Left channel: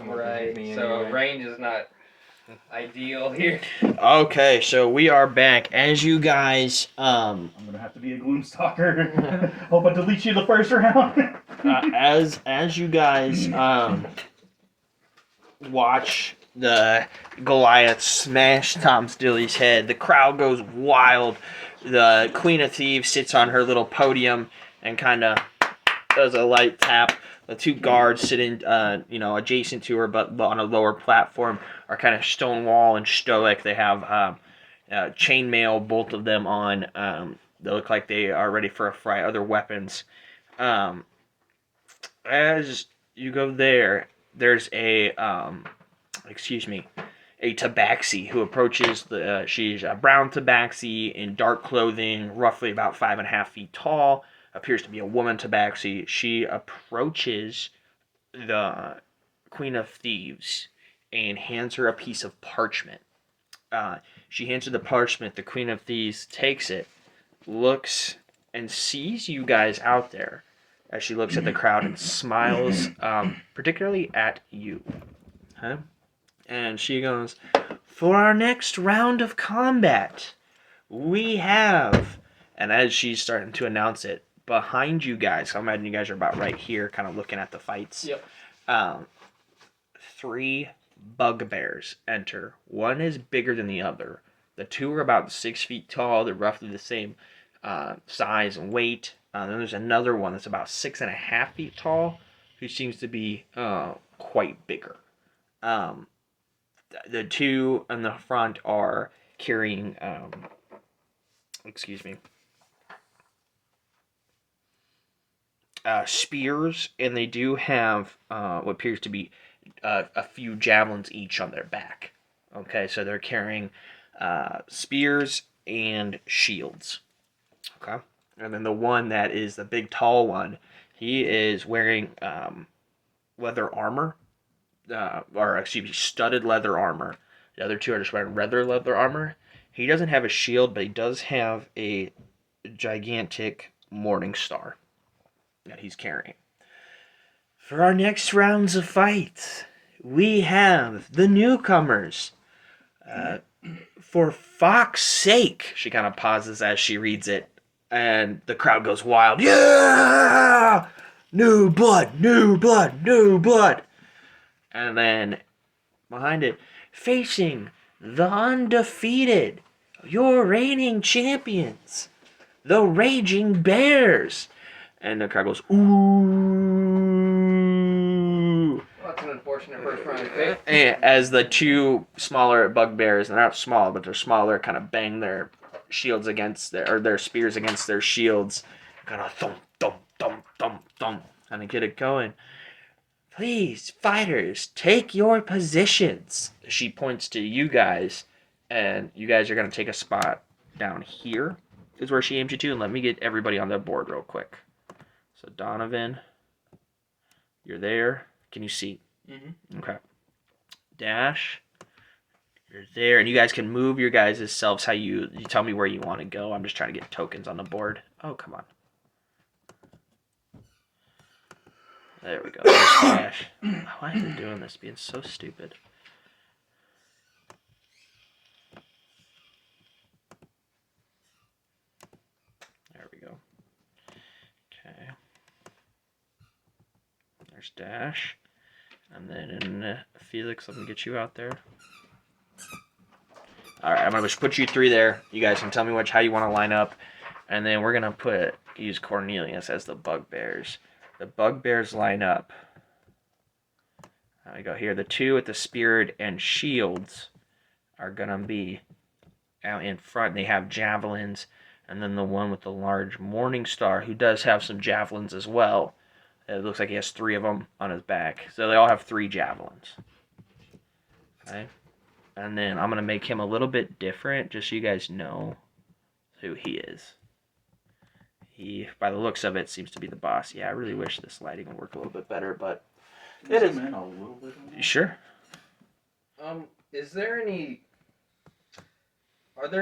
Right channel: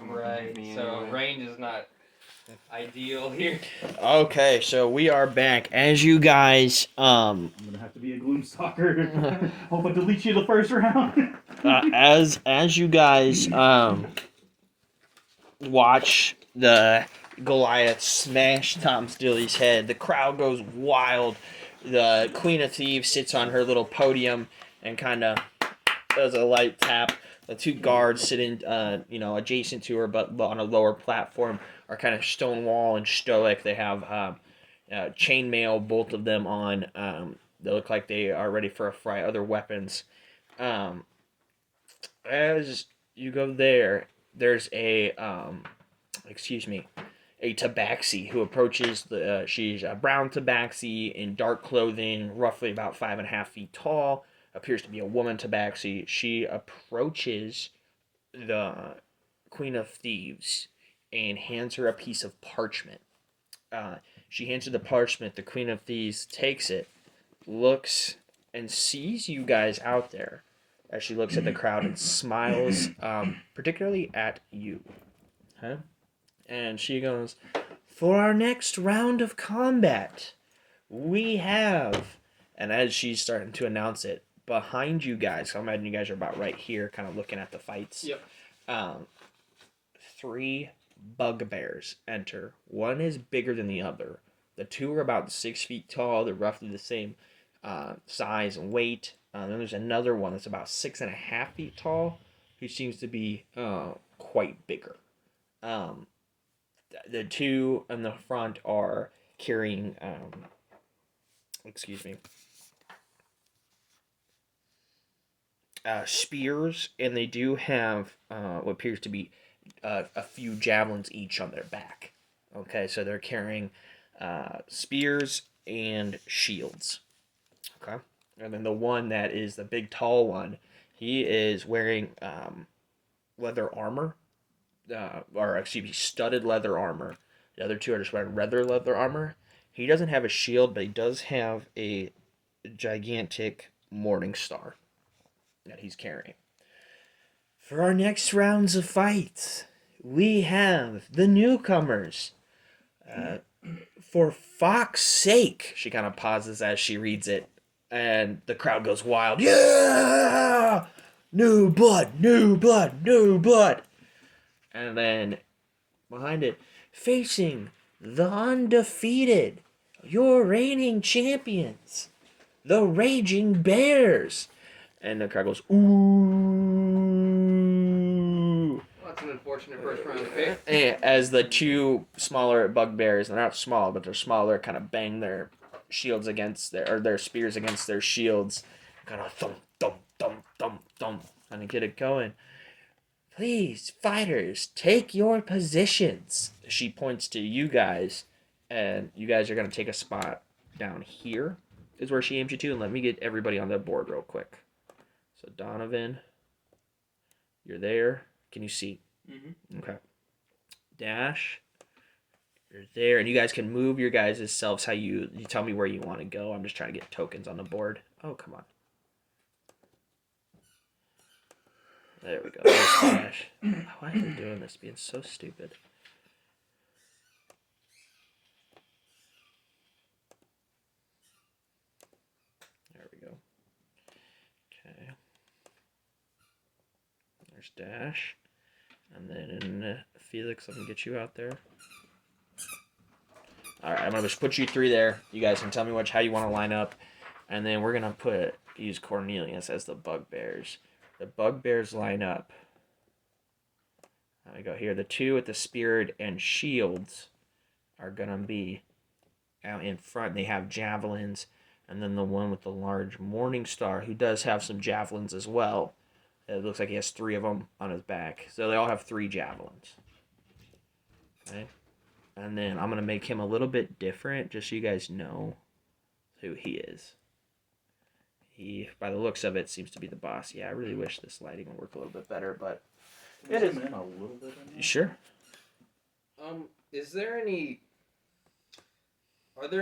Right. So range is not ideal here. Okay, so we are back. As you guys, I'm gonna have to be a Gloomstalker. Hope I delete you the first round. as you guys watch the Goliath smash Tom Stilly's head, the crowd goes wild. The Queen of Thieves sits on her little podium and kind of does a light tap. The two guards sitting, adjacent to her, but on a lower platform, are kind of stonewall and stoic. They have chainmail, both of them on. They look like they are ready for a fight. Other weapons. As you go there, there's a tabaxi who approaches the. She's a brown tabaxi in dark clothing, roughly about 5.5 feet tall. Appears to be a woman tabaxi. She approaches the Queen of Thieves and hands her a piece of parchment. She hands her the parchment. The Queen of Thieves takes it, looks, and sees you guys out there as she looks at the crowd and smiles, particularly at you. Huh? And she goes, "For our next round of combat, we have," and as she's starting to announce it, behind you guys, I imagine you guys are about right here, kind of looking at the fights. Yep. 3 bugbears enter. One is bigger than the other. The two are about 6 feet tall. They're roughly the same size and weight. Then there's another one that's about 6.5 feet tall, who seems to be quite bigger. The two in the front are carrying, spears, and they do have what appears to be a few javelins each on their back. Okay, so they're carrying spears and shields. Okay, and then the one that is the big tall one, he is wearing leather armor, studded leather armor. The other two are just wearing regular leather armor. He doesn't have a shield, but he does have a gigantic morning star that he's carrying. For our next rounds of fights, we have the newcomers. For Fox's sake, she kind of pauses as she reads it, and the crowd goes wild. Yeah! New blood, new blood, new blood. And then behind it, facing the undefeated, your reigning champions, the Raging Bears. And the crowd goes, ooh. Well, that's an unfortunate first round pick. And as the two smaller bugbears, they're not small, but they're smaller, kind of bang their shields against their spears against their shields, kind of thump, thump, thump, thump, thump, kind of get it going. Please, fighters, take your positions. She points to you guys, and you guys are going to take a spot down here, is where she aims you to. And let me get everybody on the board real quick. So, Donovan, you're there. Can you see? Mm-hmm. Okay. Dash, you're there. And you guys can move your guys' selves how you tell me where you want to go. I'm just trying to get tokens on the board. Oh, come on. There we go. There's Dash. Why is it doing this? Being so stupid. There we go. Okay. There's Dash. And then Felix, let me get you out there. Alright, I'm going to just put you 3 there. You guys can tell me how you want to line up. And then we're going to use Cornelius as the bugbears. The bugbears line up. There we go here. The two with the spear and shields are going to be out in front. They have javelins. And then the one with the large morning star, who does have some javelins as well. It looks like he has 3 of them on his back. So they all have 3 javelins. Okay. And then I'm going to make him a little bit different, just so you guys know who he is. He, by the looks of it, seems to be the boss. Yeah, I really wish this lighting would work a little bit better, but it is. In a little bit. Sure. Are there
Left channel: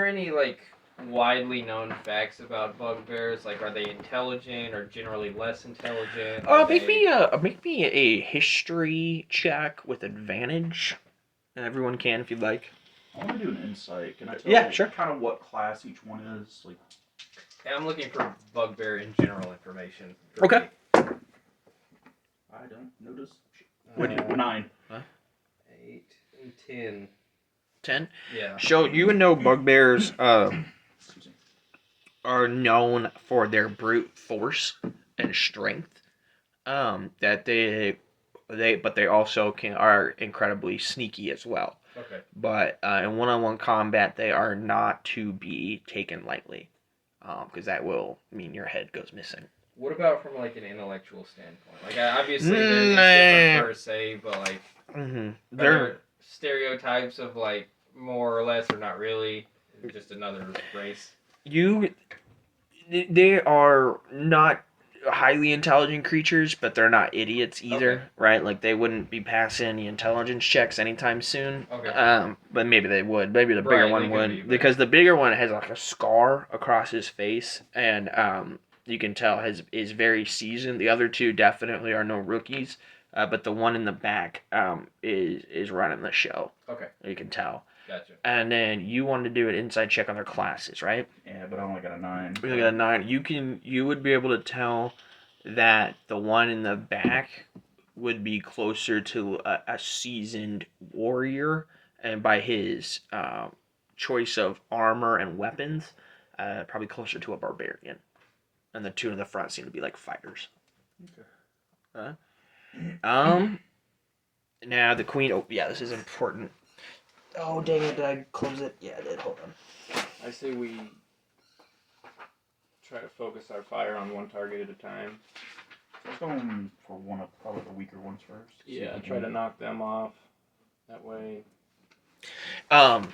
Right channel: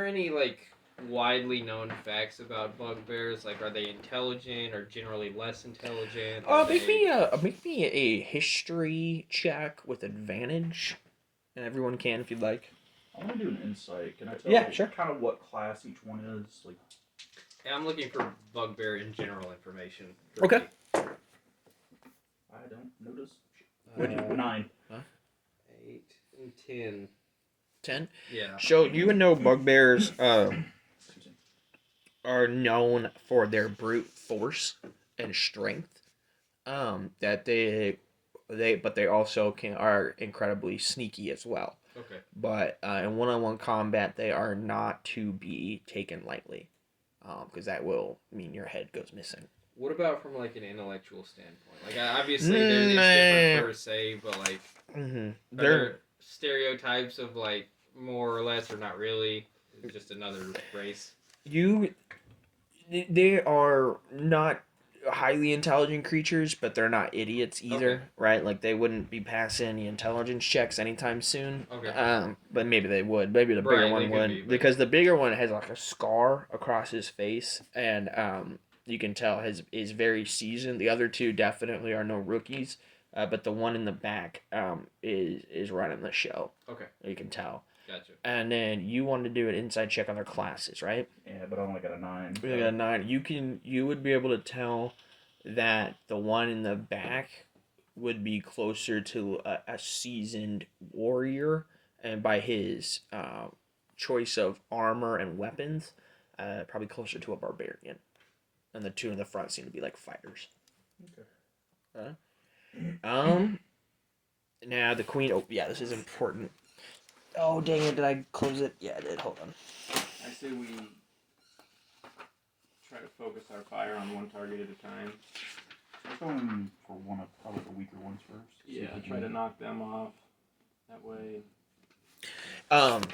any like widely known facts about bugbears? Like, are they intelligent or generally less intelligent? Make me a history check with advantage. Everyone can if you'd like. I want to do an insight. Can I tell Yeah, sure. kind of what class each one is? Like, Yeah, I'm looking for bugbear in general information. Okay. Me. I don't notice. 9. 8 and 10. 10? Yeah. So you would know bugbears Excuse me. are known for their brute force and strength. That but they also are incredibly sneaky as well. Okay. But in one-on-one combat, they are not to be taken lightly, because that will mean your head goes missing. What about from like an intellectual standpoint? Like, obviously, it's different per se, but like, are there stereotypes of like more or less, or not really, just another race? They are not highly intelligent creatures, but they're not idiots either, Okay. right? Like they wouldn't be passing any intelligence checks anytime soon. Okay. But maybe they would. Maybe the bigger one would, because the bigger one has like a scar across his face, and you can tell is very seasoned. The other two definitely are no rookies, but the one in the back is running the show. Okay. You can tell. Gotcha. And then you wanted to do an inside check on their classes, right? Yeah, but I only got a 9. You got a 9. You would be able to tell that the one in the back would be closer to a seasoned warrior, and by his choice of armor and weapons, probably closer to a barbarian. And the two in the front seem to be like fighters. Okay. Now the queen. Oh yeah, this is important. Oh dang it! Did I close it? Yeah, I did. Hold on. I say we try to focus our fire on one target at a time. Let's go for one of probably the weaker ones first. Yeah, try to knock them off. That way.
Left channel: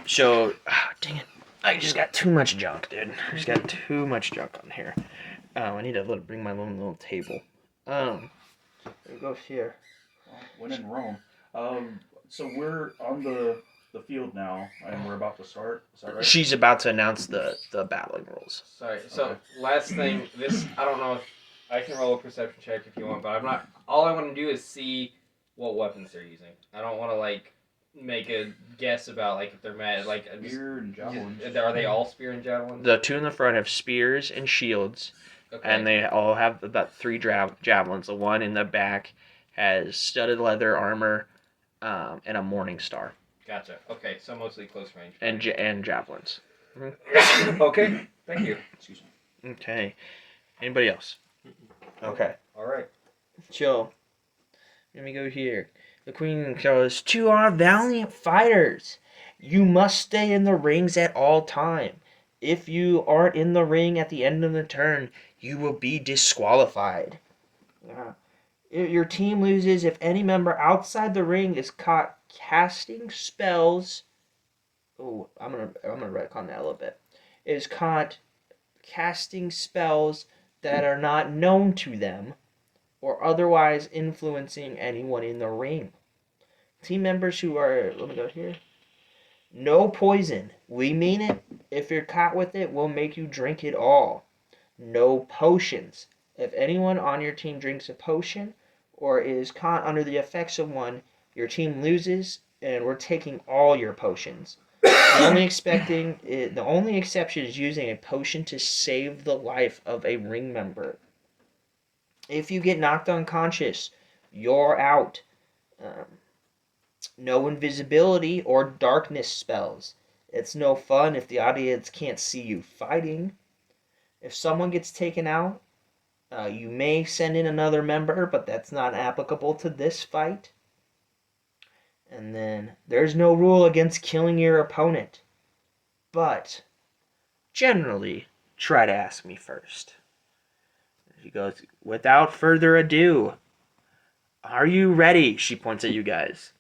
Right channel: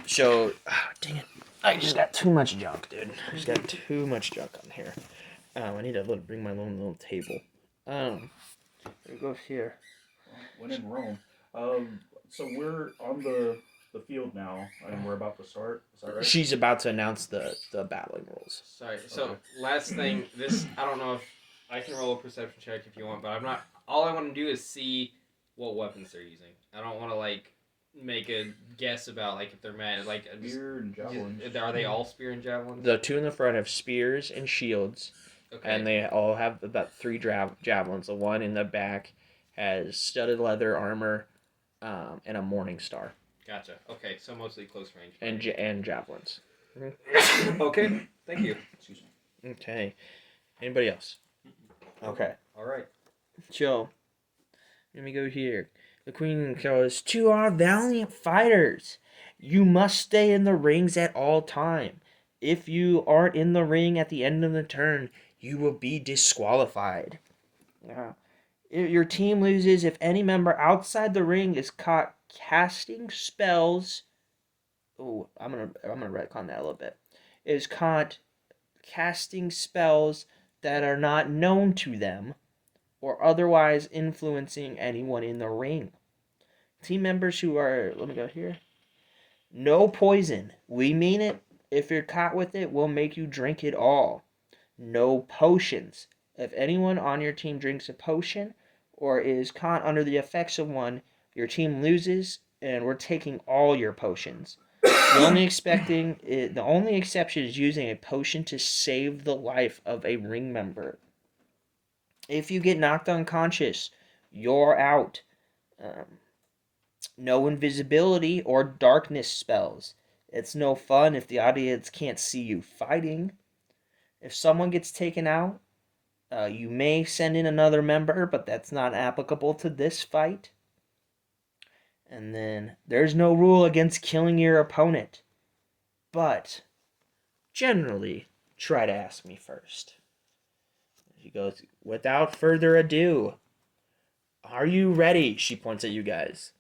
So, dang it. I just got too much junk, dude. I just got too much junk on here. I need to bring my own little table. There it goes here. When in Rome. So we're on the field now, and we're about to start. Is that right? She's about to announce the battling rules. Sorry. So Okay. last thing, this I don't know if I can roll a perception check if you want, but I'm not. All I want to do is see what weapons they're using. I don't want to like make a guess about like if they're mad like Spear and javelins. Are they all spear and javelins? The two in the front have spears and shields, Okay. and they all have about 3 javelins. The one in the back has studded leather armor, and a morning star. Gotcha. Okay, so mostly close range. And javelins. Okay. Thank you. Excuse me. Okay. Anybody else? Okay. All right. So, let me go here. The queen goes, "To our valiant fighters, you must stay in the rings at all time. If you aren't in the ring at the end of the turn, you will be disqualified. Yeah. Your team loses if any member outside the ring is caught casting spells." Oh, I'm gonna retcon that a little bit. Is caught casting spells that are not known to them, or otherwise influencing anyone in the ring. Team members who are, let me go here. No poison. We mean it. If you're caught with it, we'll make you drink it all. No potions. If anyone on your team drinks a potion or is caught under the effects of one, your team loses, and we're taking all your potions. The only exception is using a potion to save the life of a ring member. If you get knocked unconscious, you're out. No invisibility or darkness spells. It's no fun if the audience can't see you fighting. If someone gets taken out, you may send in another member, but that's not applicable to this fight. And then there's no rule against killing your opponent. But generally, try to ask me first. She goes, "Without further ado, are you ready?" She points at you guys.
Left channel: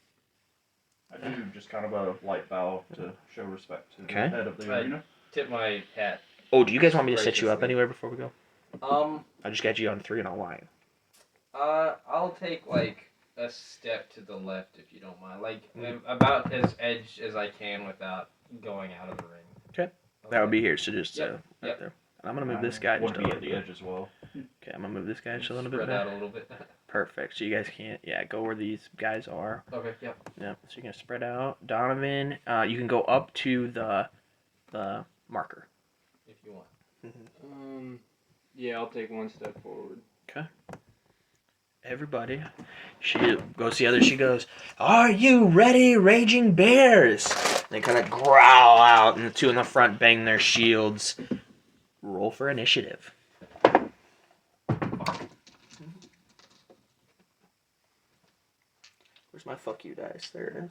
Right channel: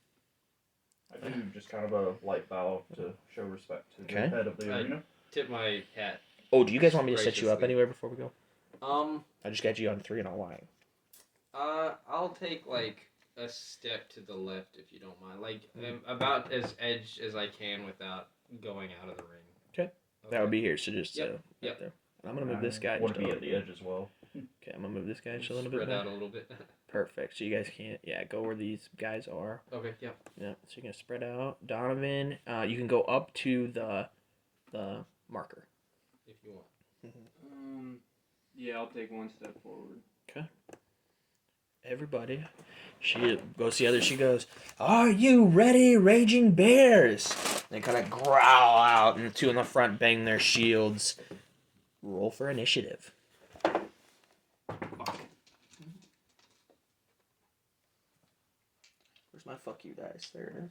I do just kind of a light bow to show respect to the Okay. head of the arena. Tip my hat. Oh, do you guys want me to set you up Graciously. anywhere before we go? I just got you on 3 and I'll line. I'll take like a step to the left if you don't mind. Like about as edge as I can without going out of the ring. Okay. That would be here. So just Yep, right yep. there. And I'm gonna move this guy Want just to a be little at the bit. edge as well. Okay, I'm gonna move this guy just a little Spread bit out back. a little bit. Perfect. So you guys can't. Yeah, go where these guys are. Okay, yep. Yep. So you're gonna spread out. Donovan, you can go up to the marker. If you want. Yeah, I'll take one step forward. Everybody. She goes the other. She goes, "Are you ready, raging bears?" They kind of growl out, and the two in the front bang their shields. Roll for initiative. Where's my fuck you dice? There it is.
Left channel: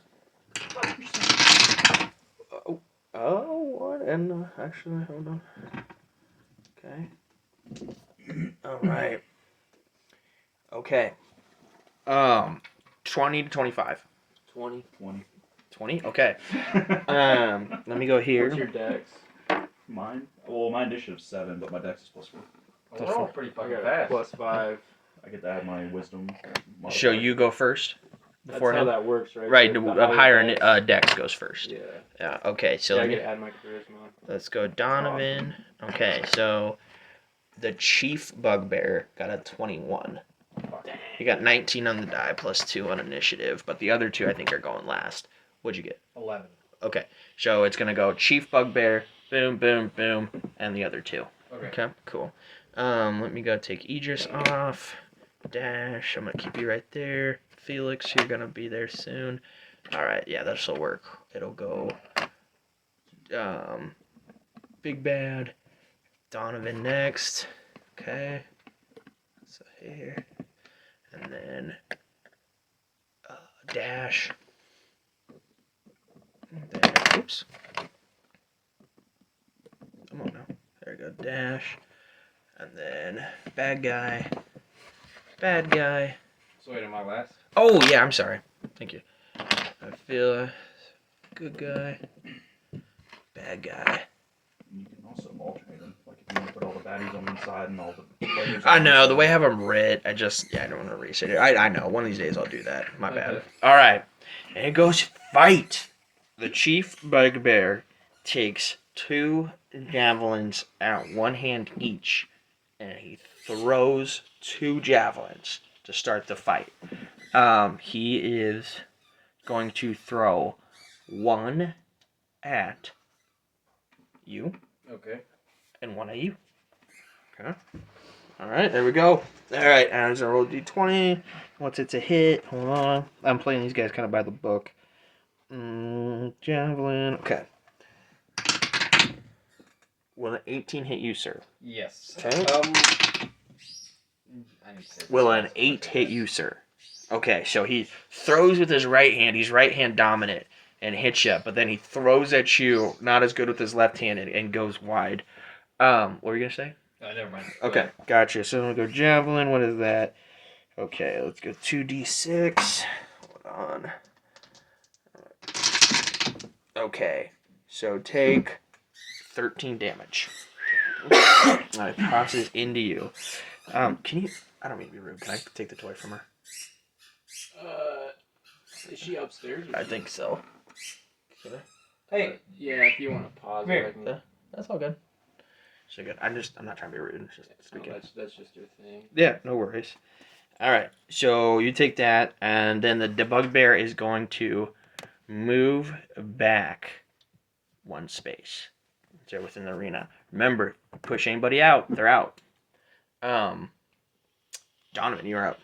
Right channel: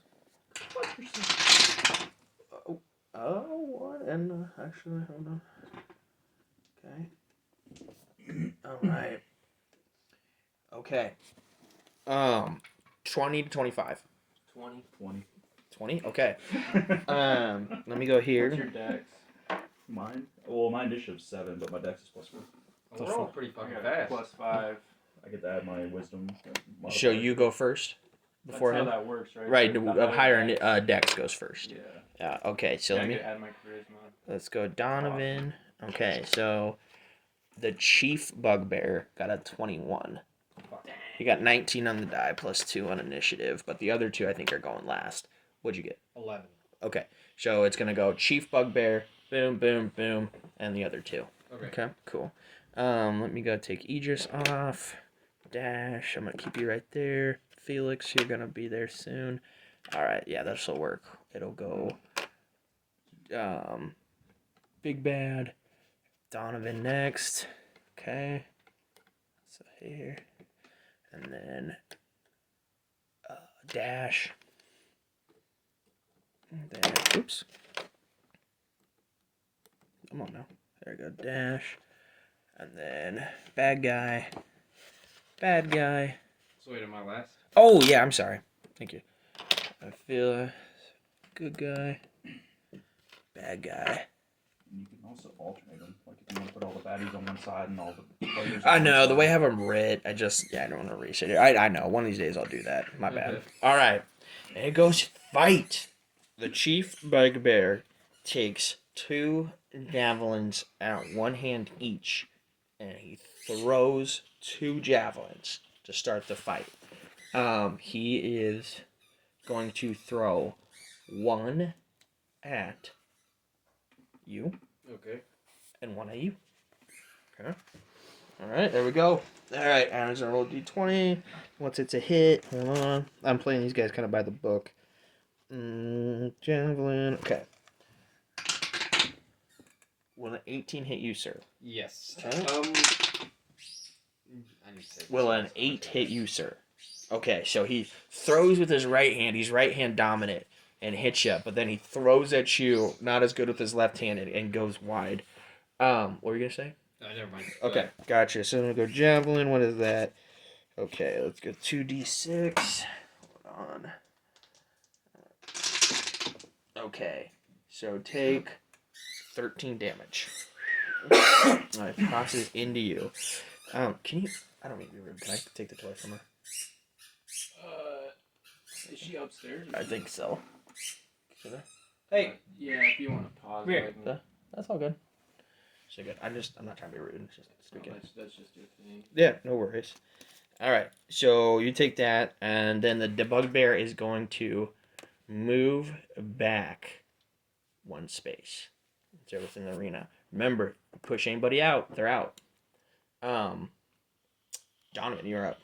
What? And actually, hold on. Okay. All right. Okay. 20 to 25. 20. 20? Okay. Let me go here. What's your dex? Mine? Well, my initiative's 7, but my dex is +4. Oh, we're all pretty fucking I got fast. +5. I get to add my wisdom. So you go first before That's him? how that works, right? Right, The a higher dex. dex goes first. Yeah. Yeah, okay, so I let me... get to add my charisma. Let's go Donovan. Okay, so the chief bugbear got a 21. He got 19 on the die plus 2 on initiative, but the other two I think are going last. What'd you get? 11. Okay, so it's gonna go chief bugbear, boom, boom, boom, and the other two. Okay. Cool. Let me go take Idris off. Dash, I'm gonna keep you right there. Felix, you're gonna be there soon. All right, yeah, this'll work. It'll go. Big Bad, Donovan next. Okay. So here, and then Dash. And then, oops. Come on now. There we go. Dash. And then bad guy. Bad guy. So wait, am I last? Oh yeah, I'm sorry. Thank you. I feel good guy. Bad guy. You can also alternate them. Like if you want to put all the baddies on one side and all the players. I on know one the way I side. have them writ. I don't want to reset it. I know. One of these days I'll do that. My bad. Okay. All right. And it goes fight. The chief bugbear takes 2 javelins at one hand each, and he throws 2 javelins to start the fight. He is going to throw one at you Okay. and one at you. Okay. All right, there we go. All right, Adam's gonna roll d20. Once it's a hit, hold on. I'm playing these guys kind of by the book. Javelin. Okay. Will an 18 hit you, sir? Yes. Okay. I need to say Will this an last 8 one. hit you, sir? Okay, so he throws with his right hand. He's right hand dominant and hits you, but then he throws at you, not as good with his left hand, and goes wide. What were you gonna say? Oh, never mind. Go Okay, ahead. gotcha. So I'm gonna go javelin. What is that? Okay, let's go 2d6. Hold on. Okay, so take 13 damage. It crosses into you. Can you? I don't mean to be rude. Can I take the toy from her? Is she upstairs? I think so. Hey. Yeah, if you want to pause Come here. it, I can... That's all good. So good. I'm not trying to be rude. It's just speaking. that's just your thing. Yeah, no worries. All right. So you take that, and then the bugbear is going to move back 1 space. They're within the arena. Remember, push anybody out, they're out. Donovan, you're up.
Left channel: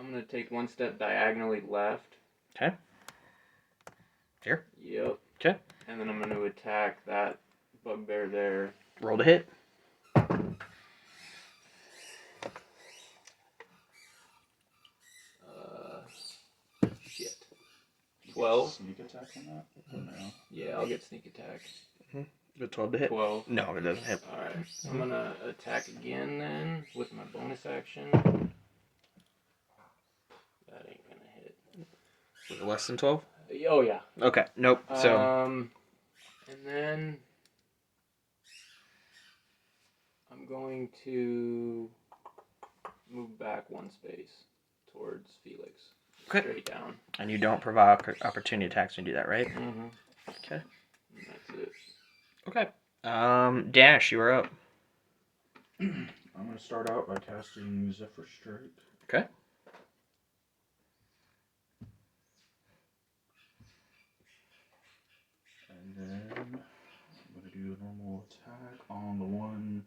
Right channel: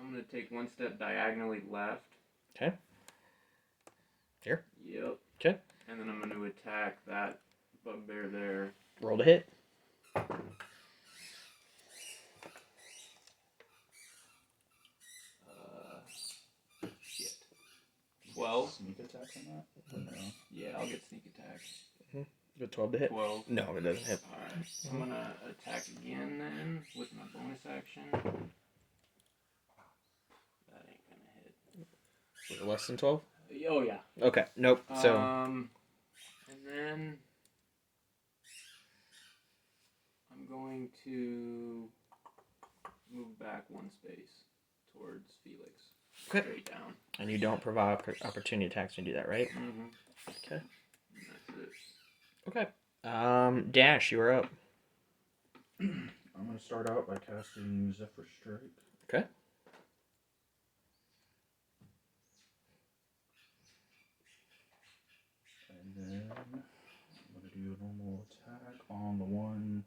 I'm gonna take 1 step diagonally left. Okay. Here. Yep. Okay. And then I'm gonna attack that bugbear there. Roll to hit. Shit. 12. Sneak attack on that? Or no? Yeah, I'll get sneak attack. The 12 to hit. 12. No, it doesn't hit. Alright. I'm gonna attack again then with my bonus action. That ain't gonna hit. Was it less than 12? Oh yeah. Okay. Nope. So. And then I'm going to move back 1 space towards Felix. Okay. Straight down. And you don't provoke opportunity attacks when you do that, right? Mm-hmm. Okay. And that's it. Okay. Dash, you are up. I'm gonna start out by casting Zephyr Strike. Okay. And then I'm gonna do a normal attack on the one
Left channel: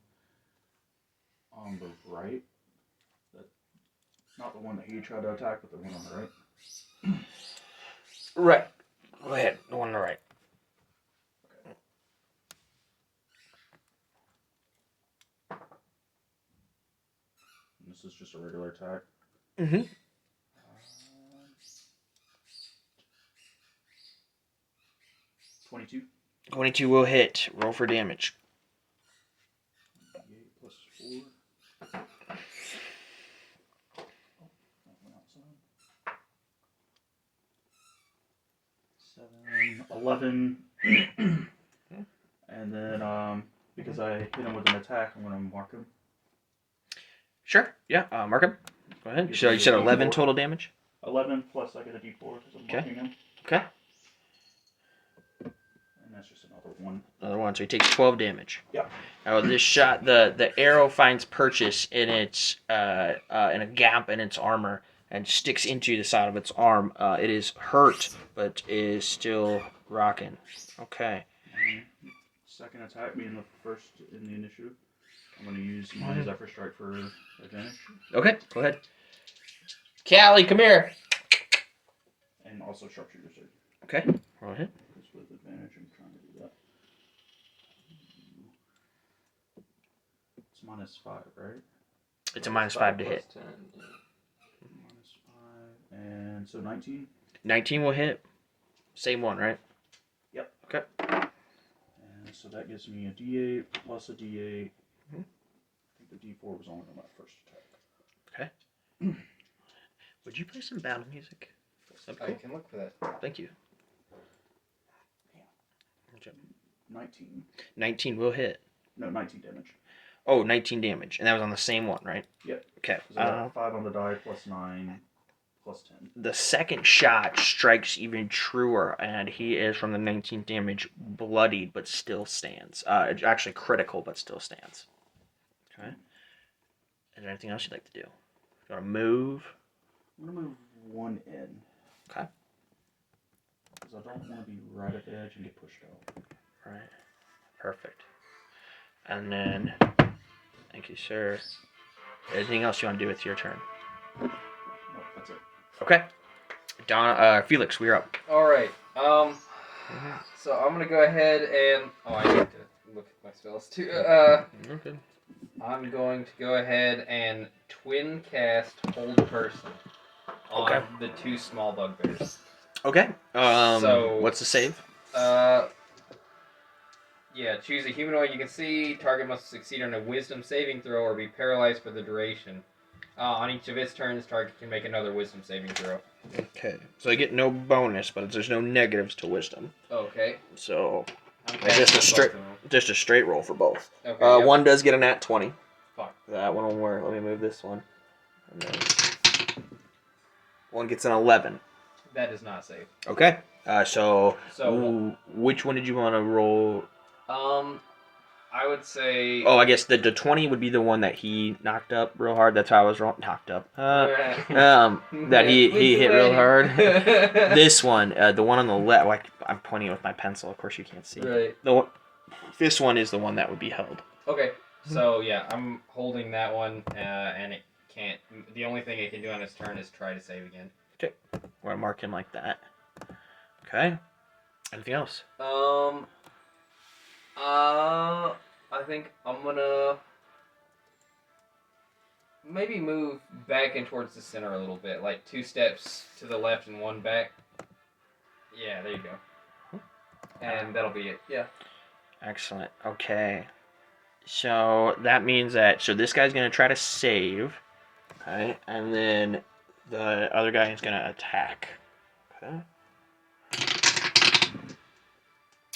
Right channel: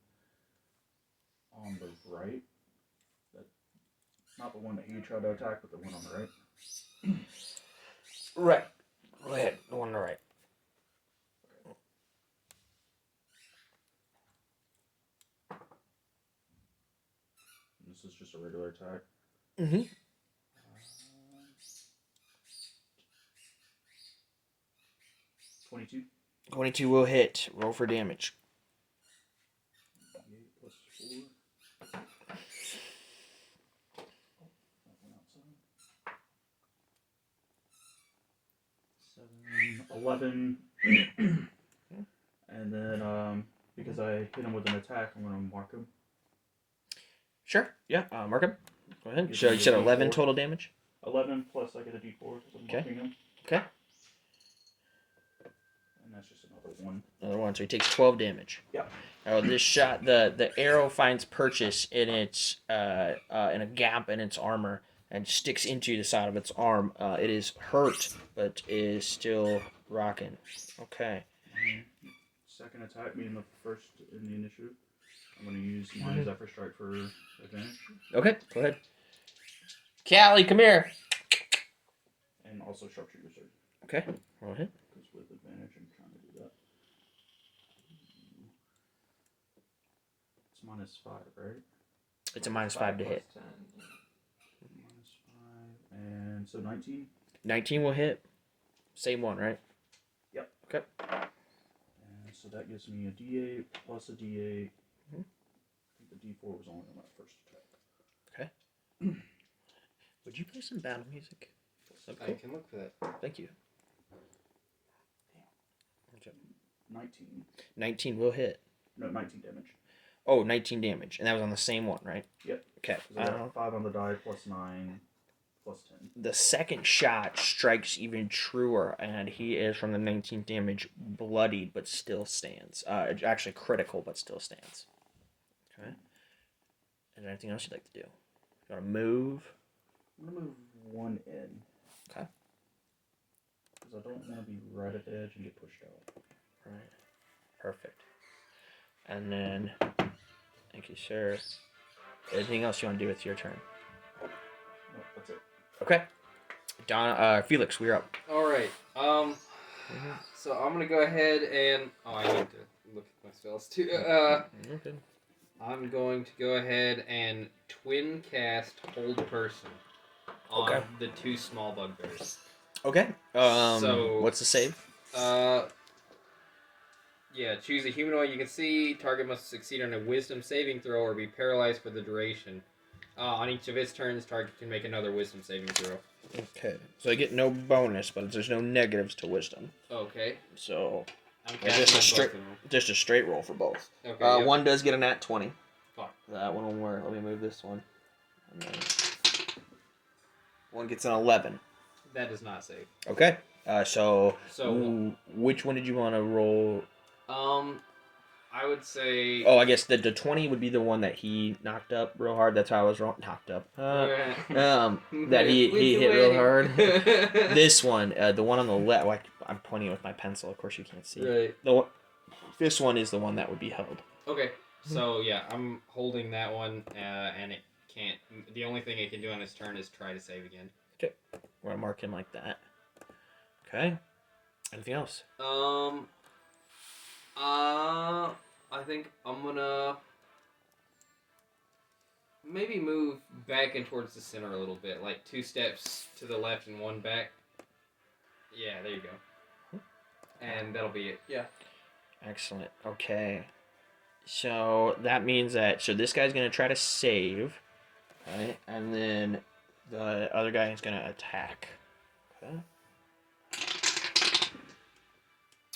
on the right. That, not the one that you tried to attack, but the one on the right. Right. Go ahead. The one on the right. And this is just a regular attack. Mm-hmm. 22. 22 will hit. Roll for damage. 8 plus 4. Oh, that went outside. 7, 11. And then, because I hit him with an attack, I'm gonna mark him. Sure. Yeah. Mark him. Go ahead. Give So me you a said 11 D4. total damage? 11 plus I get a D4 because I'm Okay. marking him. Okay. And that's just another 1. Another one. So he takes 12 damage. Yeah. Now this shot, the arrow finds purchase in its in a gap in its armor and sticks into the side of its arm. It is hurt, but is still rocking. Okay. Second attack being the first in the initiative. I'm going to use my Zephyr Strike for advantage. Okay. Go ahead. Callie, come here. And also Sharpshooter Surge. Okay. Roll a hit. Because with advantage, I'm trying to do that. It's -5, right? It's a -5 to hit. 10. -5. And so 19. 19 will hit. Same one, right? Yep. Okay. And so that gives me a D8 plus a D8. Mhm. I think the D4 was only on that first attack. Okay. Would you play some battle music? That'd be I cool. can look for that. Thank you. 19. 19 will hit. No, 19 damage. Oh, 19 damage. And that was on the same one, right? Yep. Okay. So I got 5 on the die, plus 9, plus 10. The second shot strikes even truer, and he is from the 19 damage bloodied, but still stands. Actually critical, but still stands. Okay. Is there anything else you'd like to do? You want to move? I'm going to move 1 in. Okay. Because I don't want to be right at the edge and get pushed out. Right. Perfect. And then, thank you, sir. Anything else you want to do with your turn? No, that's it. Okay. Felix, we're up. All right. So I'm gonna go ahead and I need to look at my spells too. Okay. I'm going to go ahead and twin cast Hold Person on Okay. the 2 small bugbears. Okay. So what's the save? Yeah, choose a humanoid you can see. Target must succeed on a Wisdom saving throw or be paralyzed for the duration. On each of its turns, target can make another Wisdom saving throw. Okay. So I get no bonus, but there's no negatives to wisdom. Okay. So I'm I guess casting just a straight roll for both. Okay. Yep. One does get a nat 20. Fine. That one will work. Let me move this one. And then one gets an 11. That does not save. Okay. So which one did you want to roll? I would say. Oh, I guess the 20 would be the one that he knocked up real hard. That's how I was wrong. Knocked up. That he hit real hard. This one, the one on the left. Like, I'm pointing with my pencil. Of course, you can't see. Right. This one is the one that would be held. Okay. So yeah, I'm holding that one, and it can't. The only thing it can do on its turn is try to save again. Okay. We're gonna mark him like that. Okay. Anything else? I think I'm gonna maybe move back and towards the center a little bit, like 2 steps to the left and 1 back. Yeah, there you go. And that'll be it. Yeah. Excellent. Okay. So that means that this guy's gonna try to save, okay, and then the other guy is gonna attack. Okay.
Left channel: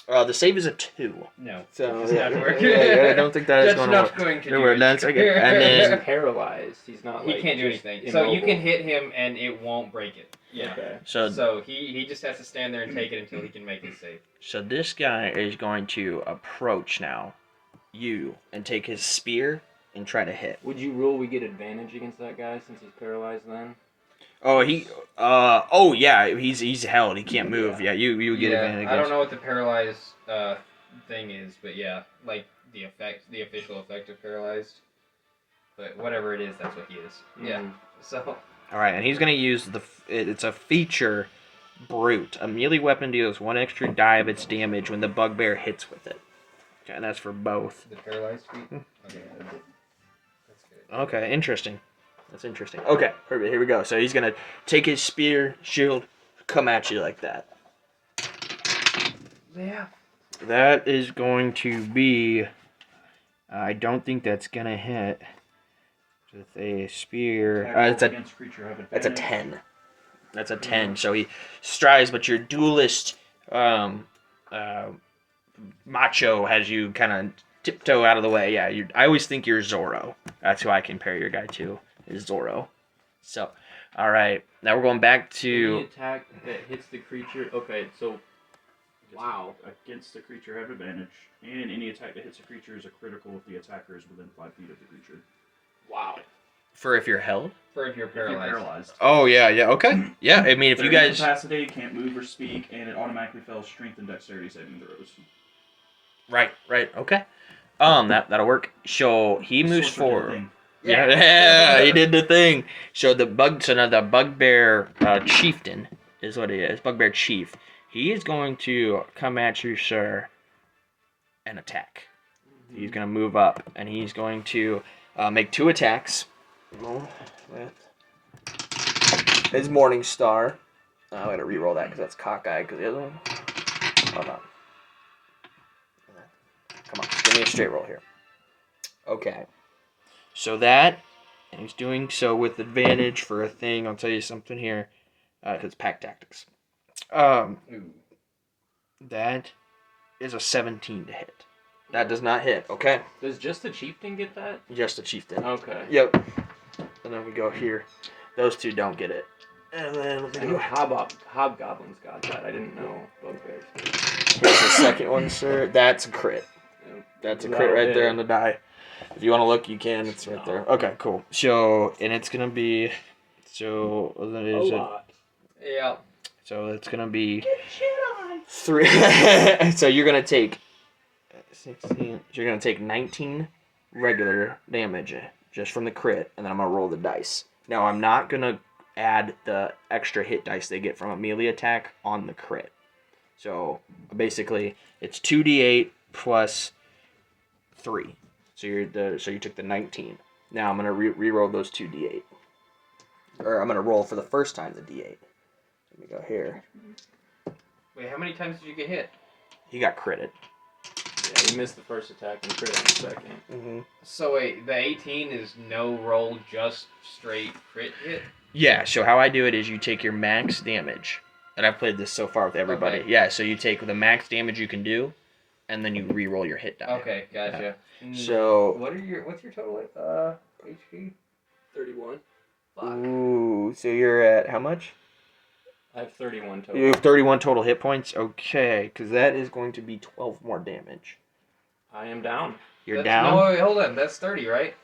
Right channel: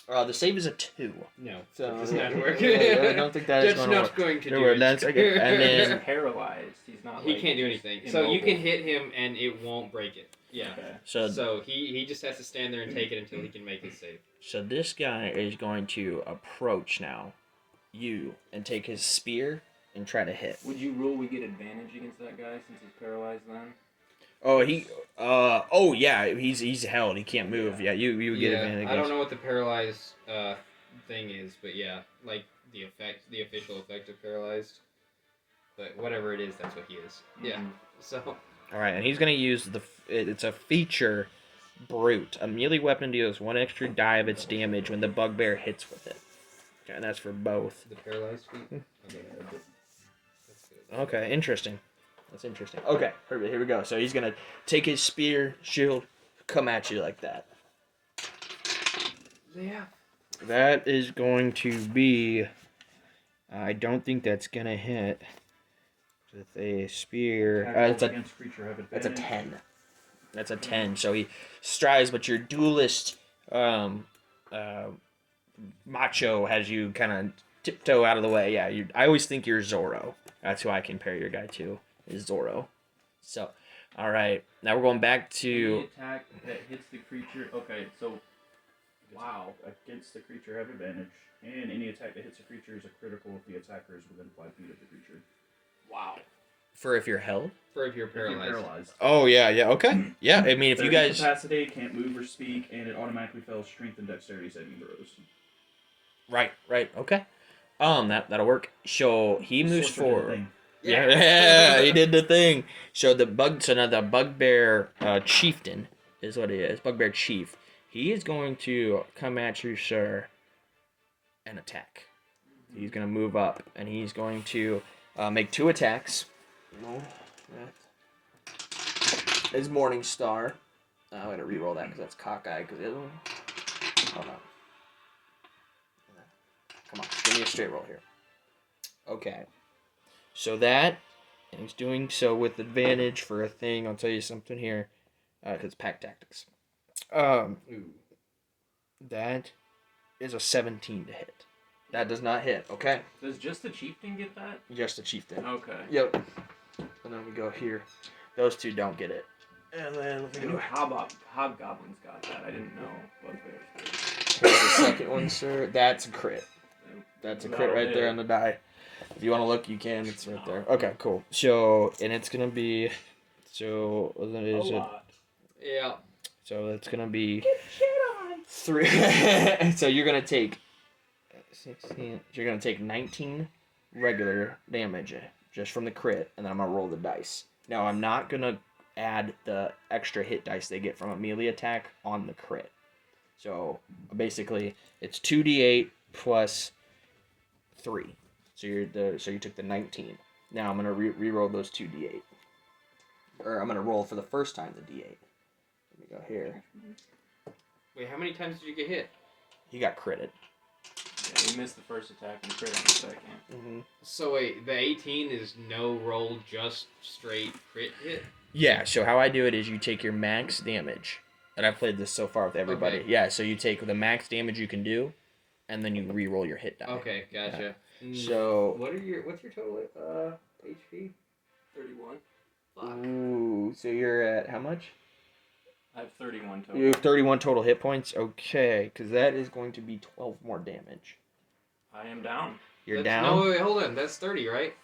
The save is a 2. No. So It's yeah, not working. I don't think that is That's going to not work. going to There do were it. that's okay. And He's then paralyzed. He's not. He like, can't do just anything. So you immobile. can hit him and it won't break it. Yeah. Okay. So he just has to stand there and take it until he can make his save. So this guy is going to approach now you and take his spear and try to hit. Would you rule we get advantage against that guy since he's paralyzed then? Oh, oh yeah, he's held. He can't move. Yeah, you get advantage. I don't know what the paralyzed thing is, but yeah, like the official effect of paralyzed. But whatever it is, that's what he is. Yeah. So. All right, and he's gonna use it's a feature, brute. A melee weapon deals 1 extra die of its damage when the bugbear hits with it. Okay, and that's for both. The paralyzed feat. Okay. That's good. Okay, interesting. That's interesting. Okay, perfect. Here we go. So he's gonna take his spear, shield, come at you like that. Yeah. That is going to be. I don't think that's gonna hit. With a spear, it's a 10. That's a 10. So he strides, but your duelist, macho has you kind of tiptoe out of the way. Yeah, I always think you're Zorro. That's who I compare your guy to, is Zorro. So, all right, now we're going back to. Any attack that hits the creature. Okay, so. Wow. Against the creature have advantage, and any attack that hits a creature is a critical if the attacker is within 5 feet of the creature. Wow. For if you're held? For if you're paralyzed. Oh, yeah, okay. Yeah, I mean, if you guys. Incapacitated, can't move or speak, and it automatically fails strength and dexterity saving throws. Right, okay. That'll work. So he moves forward. Yeah, he did the thing. So now the bugbear chieftain is what he is. Bugbear chief. He is going to come at you, sir, and attack. He's going to move up, and he's going to make 2 attacks. His Morning Star. I'm going to re-roll that because that's cockeye. Because the other one. Hold on. Come on, give me a straight roll here. Okay. So that, and he's doing so with advantage for a thing. I'll tell you something here. It's pack tactics. That is a 17 to hit. That does not hit. Okay. Does just the chieftain get that? Just the chieftain. Okay. Yep. And then we go here. Those 2 don't get it. And then I knew hobgoblins got that. I didn't know bugbears. Here's the second one, sir. That's a crit. That's a crit right there on the die. If you want to look, you can. It's right there. Okay, cool. So, and it's gonna be. So that is a lot. Yeah. So it's gonna be 3. So you're gonna take 16. You're gonna take 19 regular damage just from the crit, and then I'm gonna roll the dice. Now I'm not gonna add the extra hit dice they get from a melee attack on the crit. So basically, it's 2d8 plus 3. So you took the 19. Now I'm gonna re-roll those 2d8, or I'm gonna roll for the first time the d8. Let me go here. Wait, how many times did you get hit? He got critted. Yeah, he missed the first attack and crit on the second. Mm-hmm. So wait, the 18 is no roll, just straight crit hit? Yeah. So how I do it is you take your max damage, and I've played this so far with everybody. Okay. Yeah. So you take the max damage you can do, and then you re-roll your hit die. Okay, gotcha. Yeah. So what's your total HP? 31. Fuck. Ooh. So you're at how much? I have 31 total. You have 31 total hit points? Okay, because that is going to be 12 more damage. I am down. You're down? No, wait, hold on. That's 30, right?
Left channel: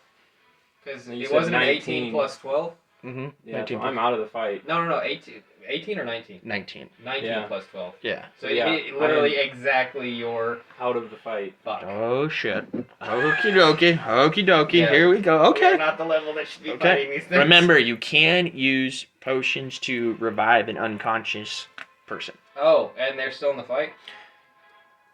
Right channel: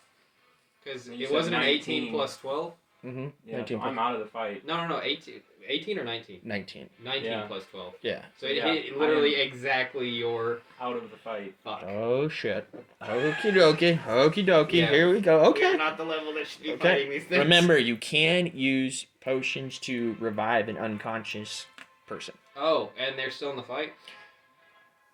Because You it said wasn't 19. 18 plus 12? Mm-hmm. Yeah, 19 so I'm out of the fight. No. 18 or 19? 19. 19 Yeah. plus 12. Yeah. So Yeah, it literally exactly your... Out of the fight. Fuck. Oh, shit. Okie dokie. Yeah. Here we go. Okay. We're not the level that should be Okay. fighting these things. Remember, you can use potions to revive an unconscious person. Oh, and they're still in the fight?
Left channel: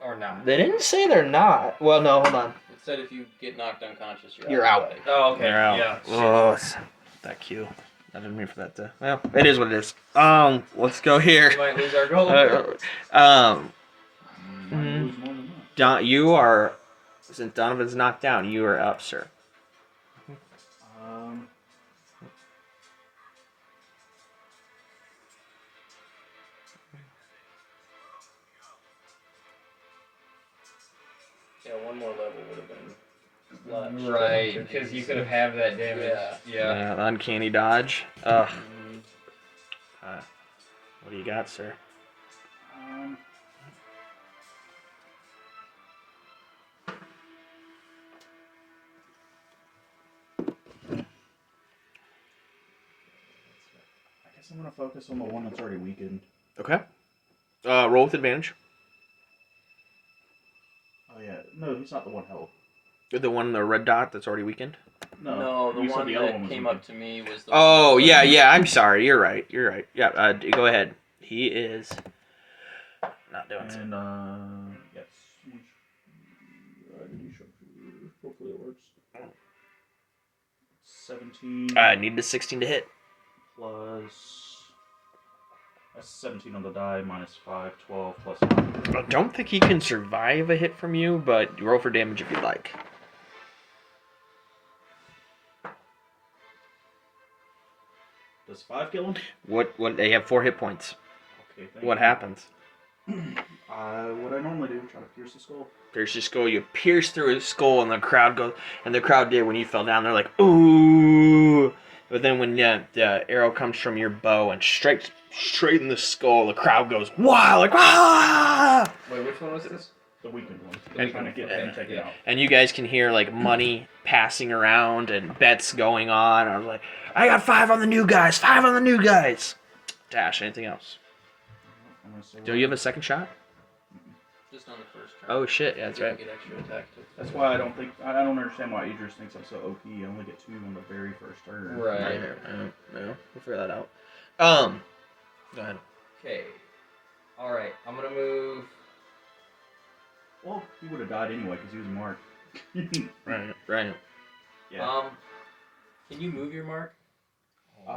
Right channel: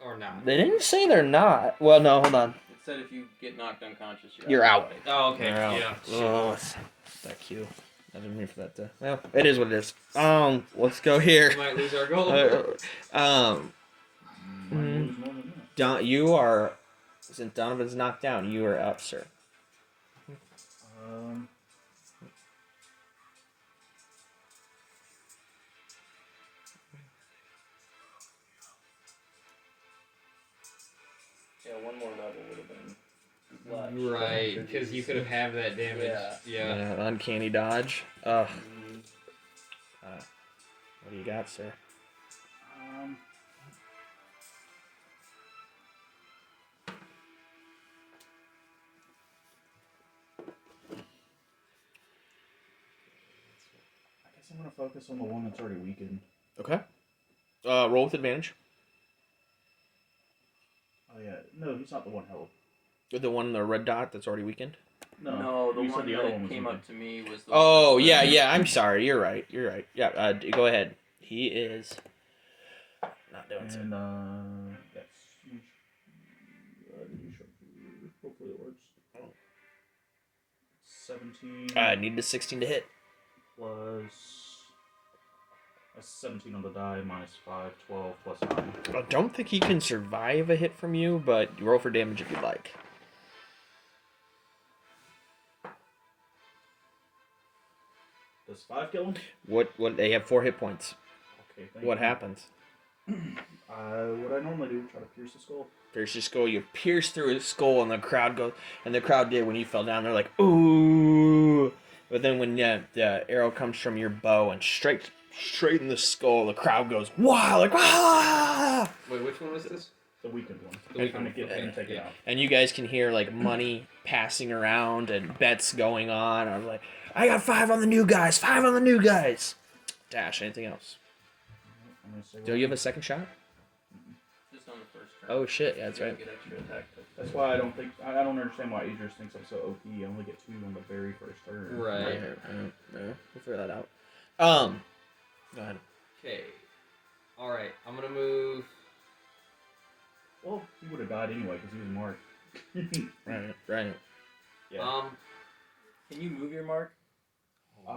Or not? They didn't say they're not. Well, no, hold on. It said if you get knocked unconscious, You're out. Oh, okay. You're out. Yeah. Oh, that cue. I didn't mean for that to... Well, it is what it is. Let's go here. We might lose our goal. Lose more than that. You are... Since Donovan's knocked down, you are up, sir. Yeah, one more level would have been. a lot Right, stronger. because you could have that damage. Yeah. Uncanny dodge. Ugh. Mhm. What do you got, sir? I guess I'm gonna focus on the one that's already weakened. Okay. Roll with advantage. Oh yeah, no, he's not the one held. The one, the red dot that's already weakened. No, the you said one the other that one was came weakened. up to me was the Oh one. yeah. I'm sorry. You're right. Yeah. Go ahead. He is not doing so. And yes. Did you show? Hopefully it works. 17. I need a 16 to hit. Plus. That's 17 on the die, minus 5, 12, plus 9. I don't think he can survive a hit from you, but roll for damage if you'd like. Does 5 kill him? What? They have 4 hit points. Okay, thank What you. happens? What I normally do, try to pierce the skull. Pierce your skull. You pierce through his skull, and the crowd goes. And the crowd did when you fell down. They're like, ooh. But then when the arrow comes from your bow and straight in the skull, the crowd goes wow, like ah. Wait, which one was this? The weakened one. The I'm trying to weakened get one, him to take it out. And you guys can hear like money passing around and bets going on. I was like, I got 5 on the new guys. 5 on the new guys. Dash. Anything else? Do you have a second shot? Just on the first turn. Oh shit! Yeah, that's You right. Get extra attack. That's why I don't understand why Idris thinks I'm so OP. I only get 2 on the very first turn. Right. No, we'll figure that out. Go ahead. Okay. Alright, I'm gonna move. Well, he would have died anyway because he was marked. Right. Yeah. Can you move your mark? As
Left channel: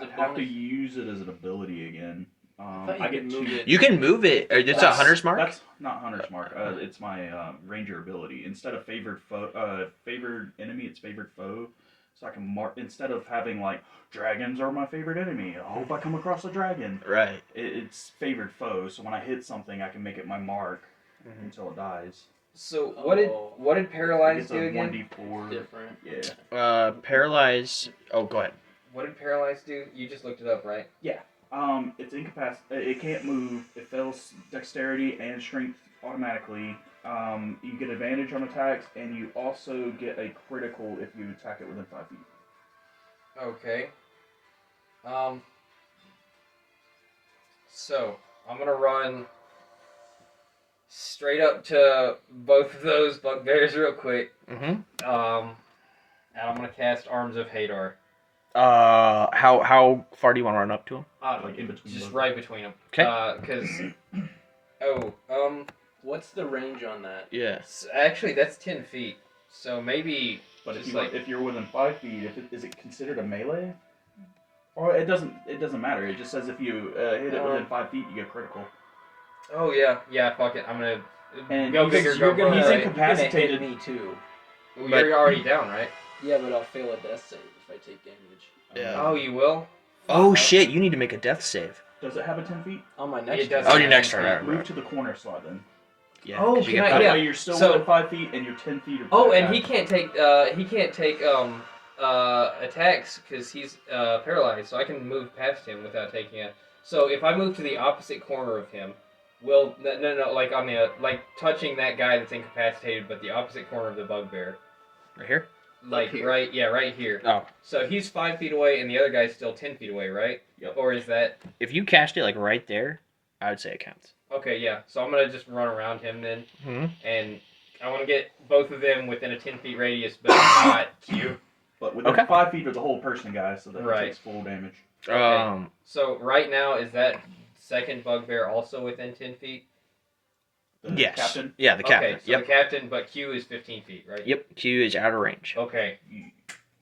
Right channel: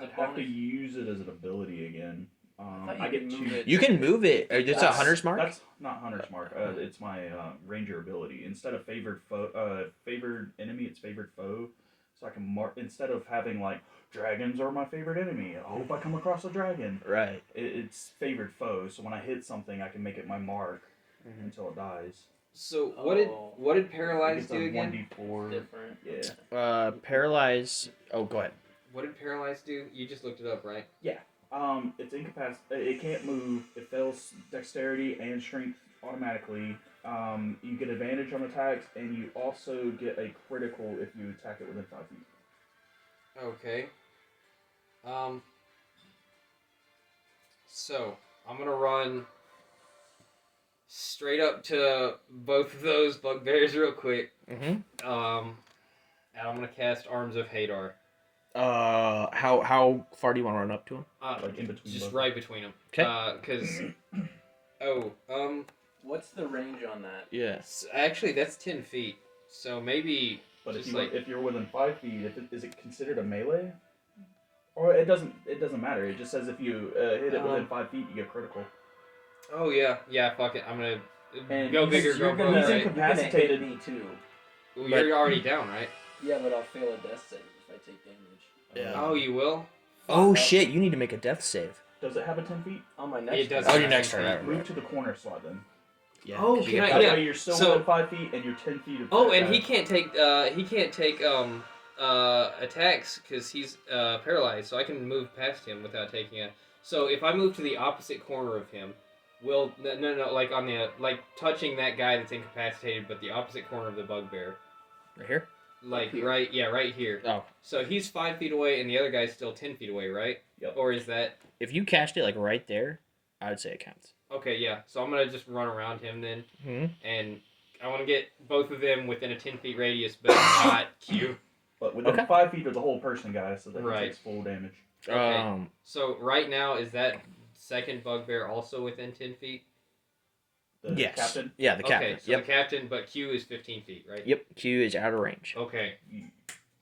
a I'd have to bonus? use it as an ability again. thought you I get could move 2. it. You can move it. It's a That's- hunter's mark. That's not hunter's mark. It's my ranger ability. Instead of favored enemy, it's favored foe. So I can mark instead of having like dragons are my favorite enemy. I hope I come across a dragon. Right. It's favored foe. So when I hit something, I can make it my mark until it dies. So what did paralyze It's do a again? 1d4. Different. Yeah. Paralyze. Oh, go ahead. What did paralyze do? You just looked it up, right? It's incapacitated. It can't move. It fails dexterity and strength automatically. You get advantage on attacks, and you also get a critical if you attack it within 5 feet. Okay. So I'm gonna run straight up to both of those bugbears real quick. Mm-hmm. And I'm gonna cast Arms of Hadar. How far do you want to run up to him? Like in between. Just both. right between them. Okay. What's the range on that? Yes. Actually, that's 10 feet. So maybe. But just if you're within 5 feet, is it considered a melee? Or it doesn't matter. It just says if you hit it within 5 feet, you get critical. Oh yeah. Fuck it. I'm gonna And go bigger, go you're gonna- broad. he's Right? incapacitated. Me too. Well, you're already down, right? Yeah, but I'll fail a death save if I take damage. Yeah. Oh, you will. Oh shit! You need to make a death save. Does it have a 10 feet? On my next. It does. Oh, your next turn. Right. Move to the corner slot then. Yeah. Oh, 'cause you can get I- That yeah. way you're still So- within 5 feet and you're 10 feet of Oh, that and guy. he can't take attacks because he's paralyzed. So I can move past him without taking it. So if I move to the opposite corner of him, no, like on the touching that guy that's incapacitated, but the opposite corner of the bugbear, Right here. like here. right here. Oh. So he's 5 feet away, and the other guy's still 10 feet away, right? Yep. Or is that If you cast it like right there, I would say it counts. okay? Yeah. So I'm gonna just run around him then, Mm-hmm. and I want to get both of them within a 10 feet radius, but not Q. But within Okay. 5 feet of the whole person, guy, so that he Right. takes full damage. Okay. So right now, is that second bugbear also within 10 feet? The Yes. captain. Yeah, the captain. Okay, so Yep. the captain, but Q is 15 feet, right? Yep. Q is out of range. Okay.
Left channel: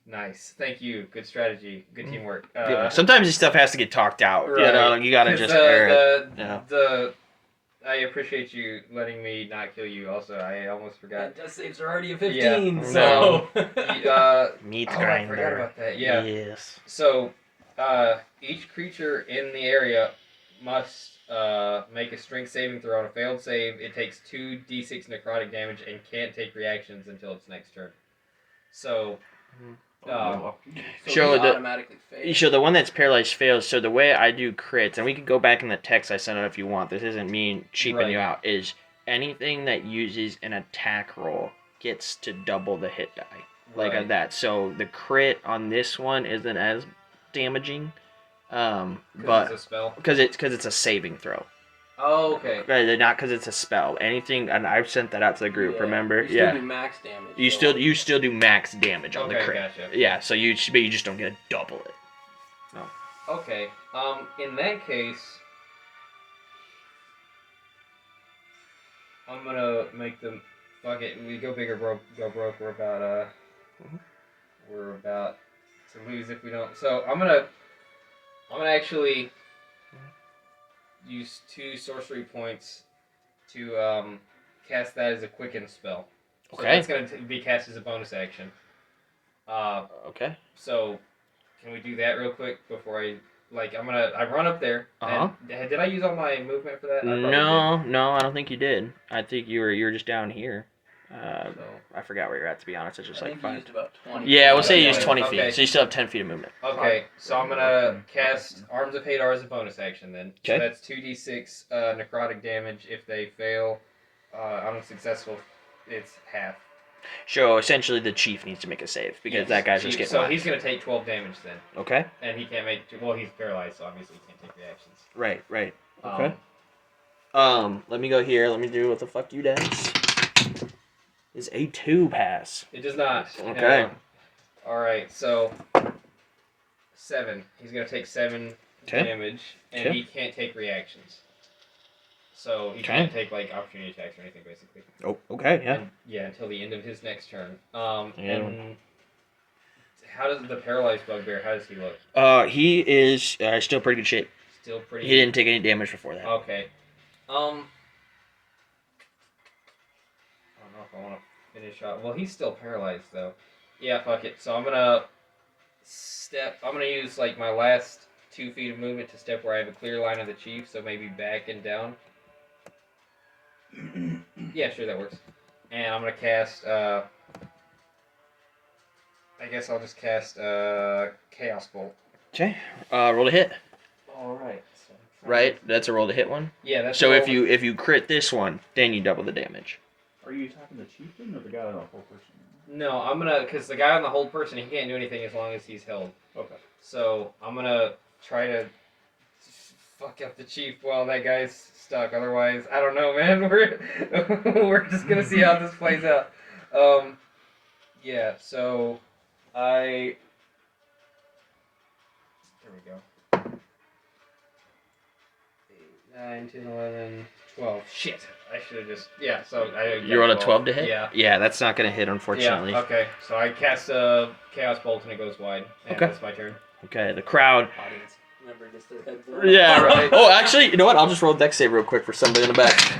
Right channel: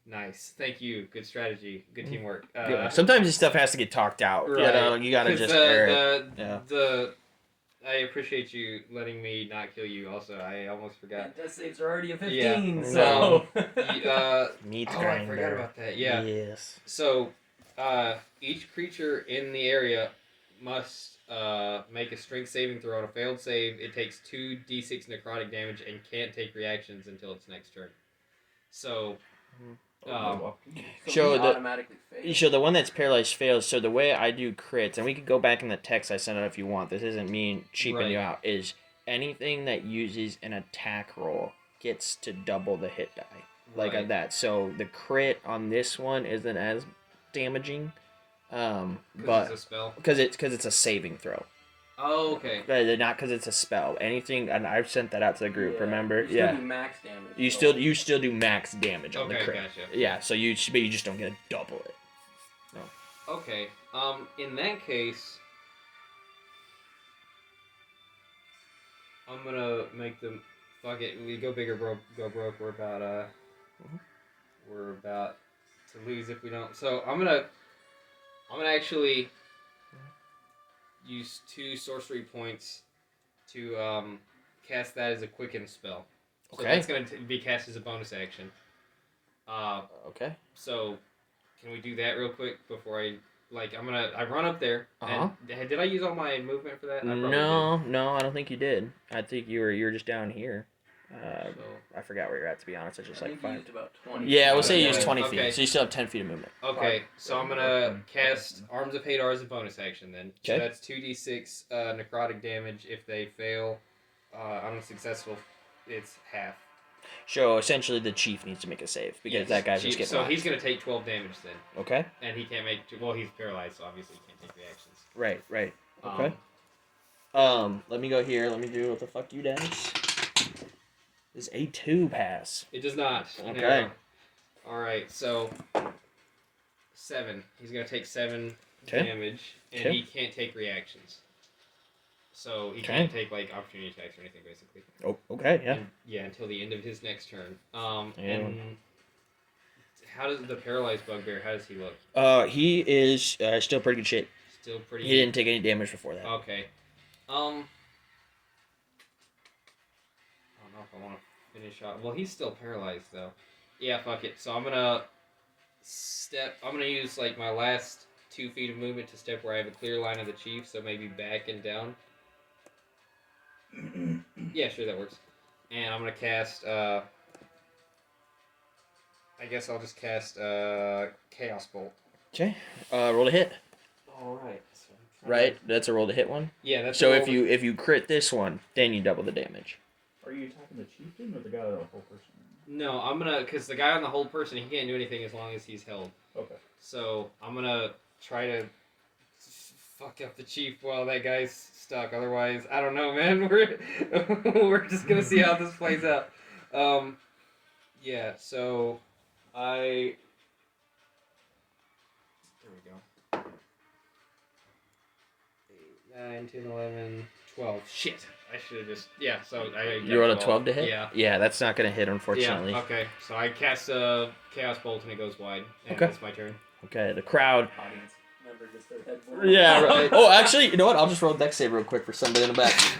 Nice. Thank you. Good strategy. Good teamwork. Yeah. Sometimes this stuff has to get talked out. Right. You know, you gotta 'Cause just. I appreciate you letting me not kill you. Also, I almost forgot. Death saves are already a Yeah. 15, so. Meat I grinder. forgot about that. Yeah. Yes. So, each creature in the area must make a strength saving throw. On a failed save, it takes 2d6 necrotic damage and can't take reactions until its next turn. So, So Show he the- automatically fails. So the one that's paralyzed fails. So the way I do crits, and we can go back in the text I sent out if you want. This isn't me cheaping you out. Is anything that uses an attack roll gets to double the hit die, like right. that. So the crit on this one isn't as damaging, but it's a spell. because it's a saving throw. Oh, okay. Not because it's a spell. Anything, and I've sent that out to the group. Remember? You still do max damage. You still do max damage on the crit. Gotcha. Yeah, so you just don't get to double it. Okay. In that case, I'm gonna make them. Fuck it. We go big or go broke. We're about to lose if we don't. So I'm gonna actually use 2 sorcery points to cast that as a quicken spell. So Okay. that's gonna be cast as a bonus action. Okay. So can we do that real quick before I run up there. And did I use all my movement for that? I probably did. No, I don't think you did. I think you were just down here. So, I forgot where you're at, to be honest. It's just I like think you 5. used about 20. Yeah, we'll say you Okay. use 20 feet. Okay. So you still have 10 feet of movement. okay, so I'm gonna cast Arms of Hadar as a bonus action then. Okay. So that's 2d6 necrotic damage. If they fail, unsuccessful, it's half. So essentially, the chief needs to make a save because Yes. that guy's just getting. So whacked. he's gonna take 12 damage then, Okay. and he can't make. Well, he's paralyzed, so obviously he can't take reactions. Right. Okay. Let me go here. Let me do what the fuck you does. Is a 2 pass? It does not. Okay. No. All right, so 7. He's gonna take 7 Okay. damage, and Okay. he can't take reactions. So he Okay. can't take like opportunity attacks or anything, basically. Oh. Okay. Yeah. And, until the end of his next turn. Yeah. And how does the paralyzed bugbear? How does he look? He is still pretty good shape. Still pretty. He didn't take any damage before that. Okay. I don't know if I want to finish off. Well, he's still paralyzed though. Yeah, fuck it. So I'm gonna use like my last 2 feet of movement to step where I have a clear line of the chief. So maybe back and down. Yeah, sure, that works. And I'm gonna cast. I guess I'll just cast Chaos Bolt. Okay. Roll to hit. All right. So Right. That's a roll to hit one. Yeah, that's. So a if roll. you crit this one, then you double the damage. Are you attacking the chieftain or the guy that a whole person? No, I'm gonna because the guy on the hold person he can't do anything as long as he's held. Okay. So I'm gonna try to fuck up the chief while that guy's stuck. Otherwise, I don't know, man. We're just gonna see how this plays out. Yeah. So there we go. 8, 9, 10, 11, 12. Shit. I should have just So You rolled a 12 to hit. Yeah. Yeah, that's not gonna hit, unfortunately. Yeah, okay. So I cast a Chaos Bolt and it goes wide. And Okay. It's my turn. Okay. The crowd. Audience member just their heads. Yeah. Right. Oh, actually, you know what? I'll just roll dex save real quick for somebody in the back.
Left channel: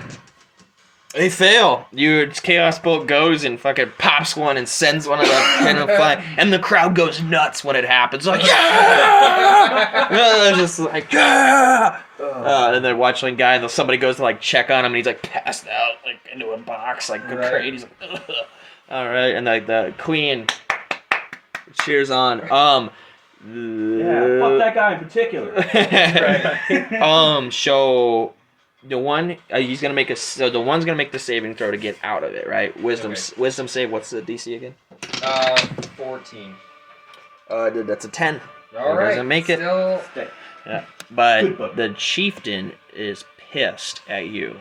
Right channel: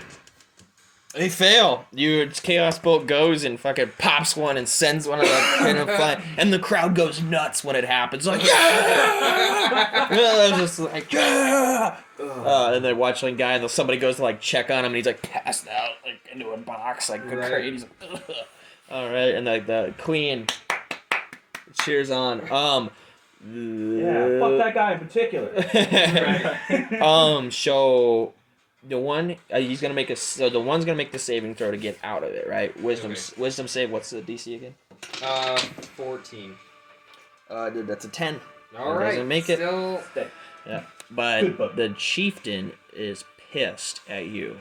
They fail. Your Chaos Bolt goes and fucking pops one and sends one of the kind of flying, and the crowd goes nuts when it happens. Like yeah, just like yeah. And then watching guy, and somebody goes to like check on him, and he's like passed out like into a box, like Right. crazy. He's like, ugh. All right, and like the queen cheers on. Yeah, fuck that guy in particular. So the one he's gonna make the one's gonna make the saving throw to get out of it, right? Wisdom save. What's the DC again? 14. That's a 10. All right. Doesn't make it. Still. Yeah, but Good book. the chieftain is pissed at you,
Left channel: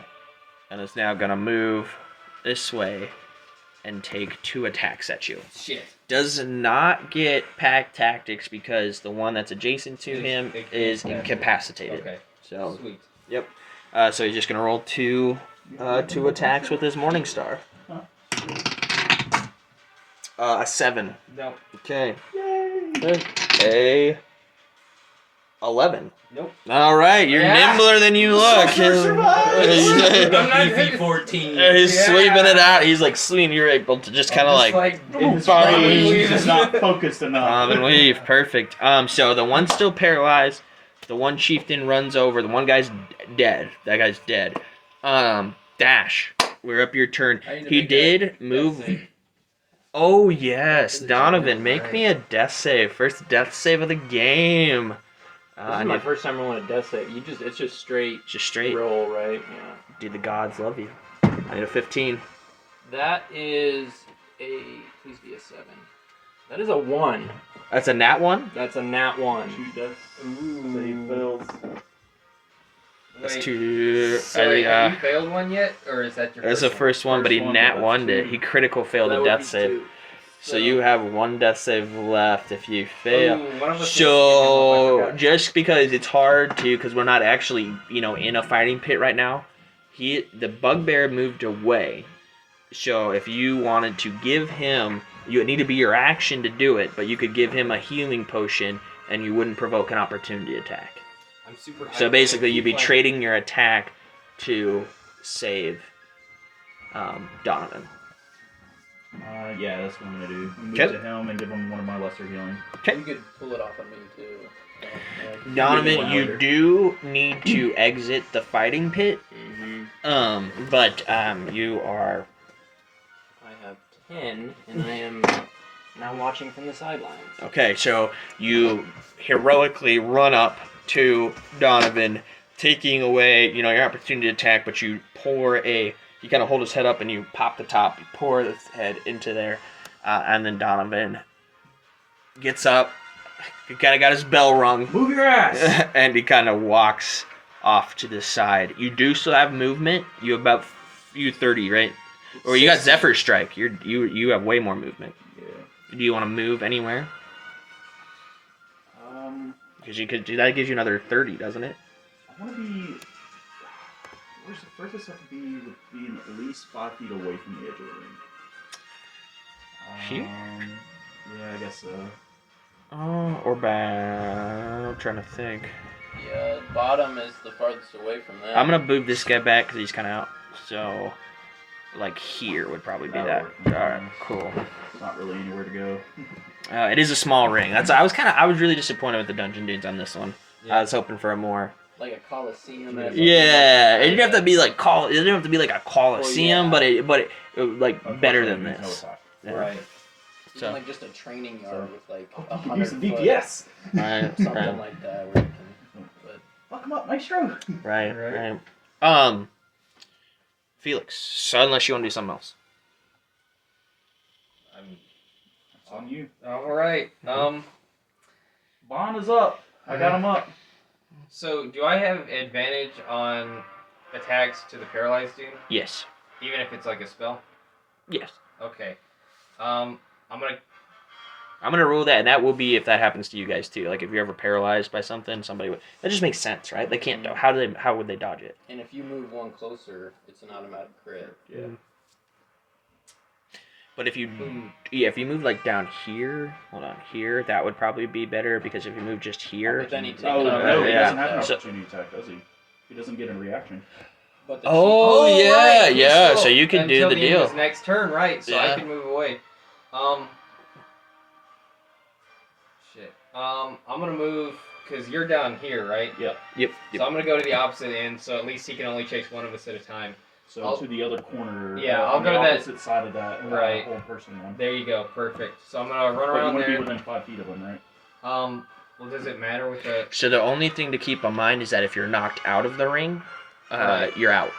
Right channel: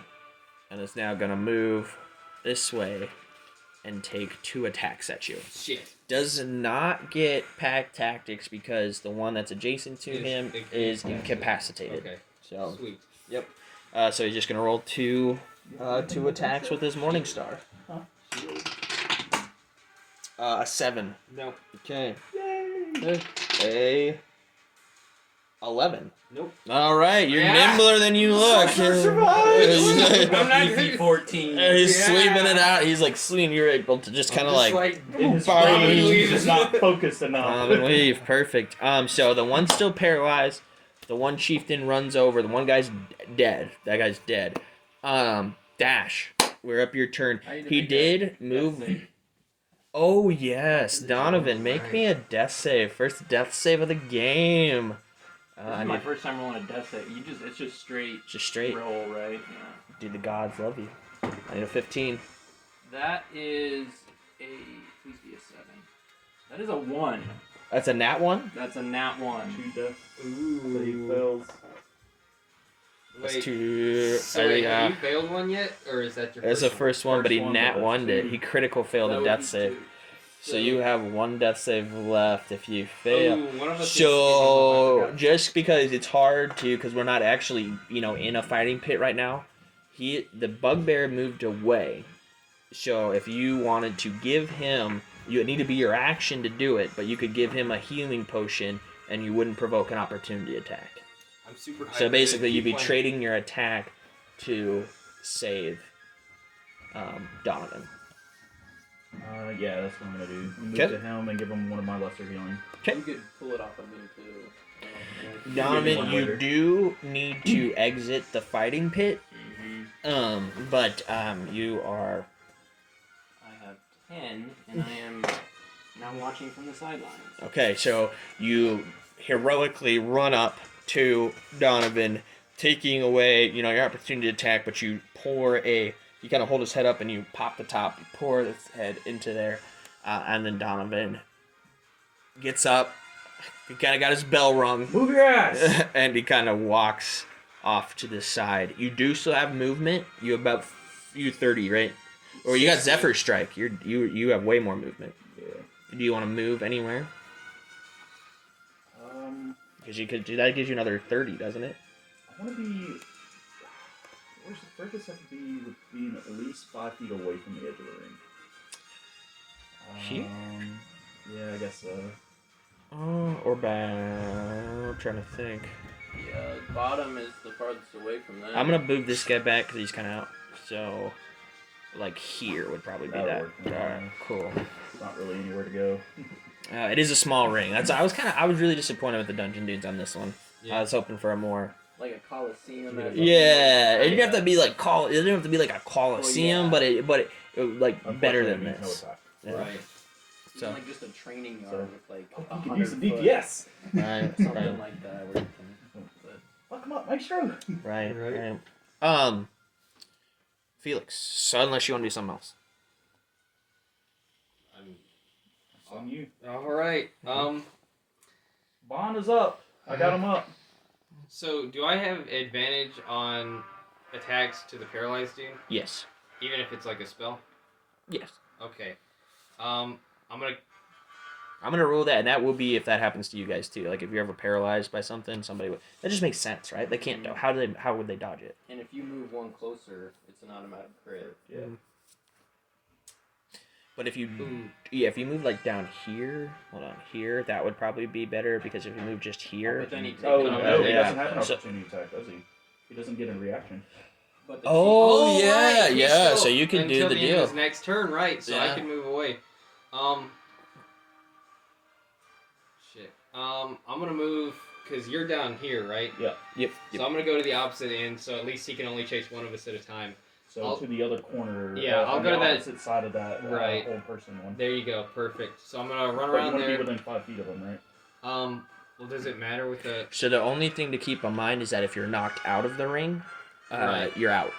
and is now gonna move this way and take 2 attacks at you. Shit. Does not get pack tactics because the one that's adjacent to him is incapacitated. Okay. So Sweet. yep. So he's just gonna roll 2 attacks with his Morning Star. A 7. Nope. Okay. A 11. Nope. All right, you're Yeah. nimbler than you look. I'm not Easy 14. He's Yeah. sweeping it out. He's like swinging. You're able to just kind of like In his Bob and brain, weave. he's just not focused enough. and weave. Perfect. So the one's still paralyzed. The one chieftain runs over. The one guy's dead. That guy's dead. Dash. We're up your turn. I need to He make a did death move. save. Oh yes, For the Donovan, Germans, make right. me a death save. First death save of the game. This I is my need first time rolling a death save. It's just straight just straight. roll, right? Yeah. Do the gods love you? I need a 15. That is a please be a 7. That is a 1. That's a nat one. That's a nat 1. 2 deaths. Ooh. So he fails. That's Wait, two. so wait, have you failed one yet, or is that your That's the first first one, but he First one, nat but one that's it. two. He critical failed That a would death be save. 2. So you have one death save left if you one? fail. Ooh, one of us needs to So get him up, I just because it's hard to, because we're not actually, in a fighting pit right now. The bugbear moved away. So if you wanted to give him, it need to be your action to do it, but you could give him a healing potion, and you wouldn't provoke an opportunity attack. I'm super. So basically, you'd be playing. trading your attack to save Donovan. Yeah, that's what I'm gonna do. Move Okay. to him and give him one of my lesser healing. Okay. You could pull it off on me too. Donovan, one you later. do need to exit the fighting pit. Mm-hmm. But you are I have 10, and I am now watching from the sidelines. okay. So you heroically run up to Donovan, taking away your opportunity to attack. But you you kind of hold his head up and you pop the top. You pour his head into there, and then Donovan gets up. He kind of got his bell rung. Move your ass! And he kind of walks off to the side. You do still have movement. You have about 30, right? Or you got 60. Zephyr Strike. You have way more movement. Yeah. Do you want to move anywhere? Because that gives you another 30, doesn't it? I want to be. Where's the furthest I could be with being at least 5 feet away from the edge of the ring? Here? Yeah, I guess so. Or back. I'm trying to think. Yeah, bottom is the farthest away from that. I'm gonna move this guy back because he's kind of out. So, like here would probably be That'll that. work. All right, cool. There's not really anywhere to go. It is a small ring. I was really disappointed with the Dungeon Dudes on this one. Yeah. I was hoping for a more. Like a coliseum. Yeah, it didn't have to be like it didn't have to be like a coliseum, Well, yeah. but it better than Unfortunately, this. no attack. Yeah. Right. So. Like just a training yard So- with like Oh, you 100 could use some foot, DPS! Right, something right, like that. Where you can, but Fuck him up, Maestro! right. Felix. So unless you want to do something else. It's on you. All right. Bond is up. I got him up. So do I have advantage on attacks to the paralyzed dude, Yes. even if it's like a spell? Yes. Okay. I'm gonna rule that, and that will be if that happens to you guys too. Like if you're ever paralyzed by something, somebody would. That just makes sense, right? They can't. How would they dodge it? and if you move one closer, it's an automatic crit. Yeah. But if you move like down here, hold on here, that would probably be better because if you move just here. But then he takes Oh, an no, he yeah. doesn't have an So- opportunity attack, does he? He doesn't get a reaction. But the Oh, yeah, right, he's yeah. still- So you can do until the the end of deal. his next turn, right? So I Yeah. can move away. Shit. I'm gonna move because you're down here, right? Yeah. Yep. So I'm gonna go to the opposite end, so at least he can only chase one of us at a time. So I'll- to the other corner. Yeah, I'll on go the to that- opposite side of that Right. whole person one. There you go, perfect. So I'm gonna run But you around want to be there. within 5 feet of him, right? Well, does it matter with the? So the only thing to keep in mind is that if you're knocked out of the ring, Right. you're out.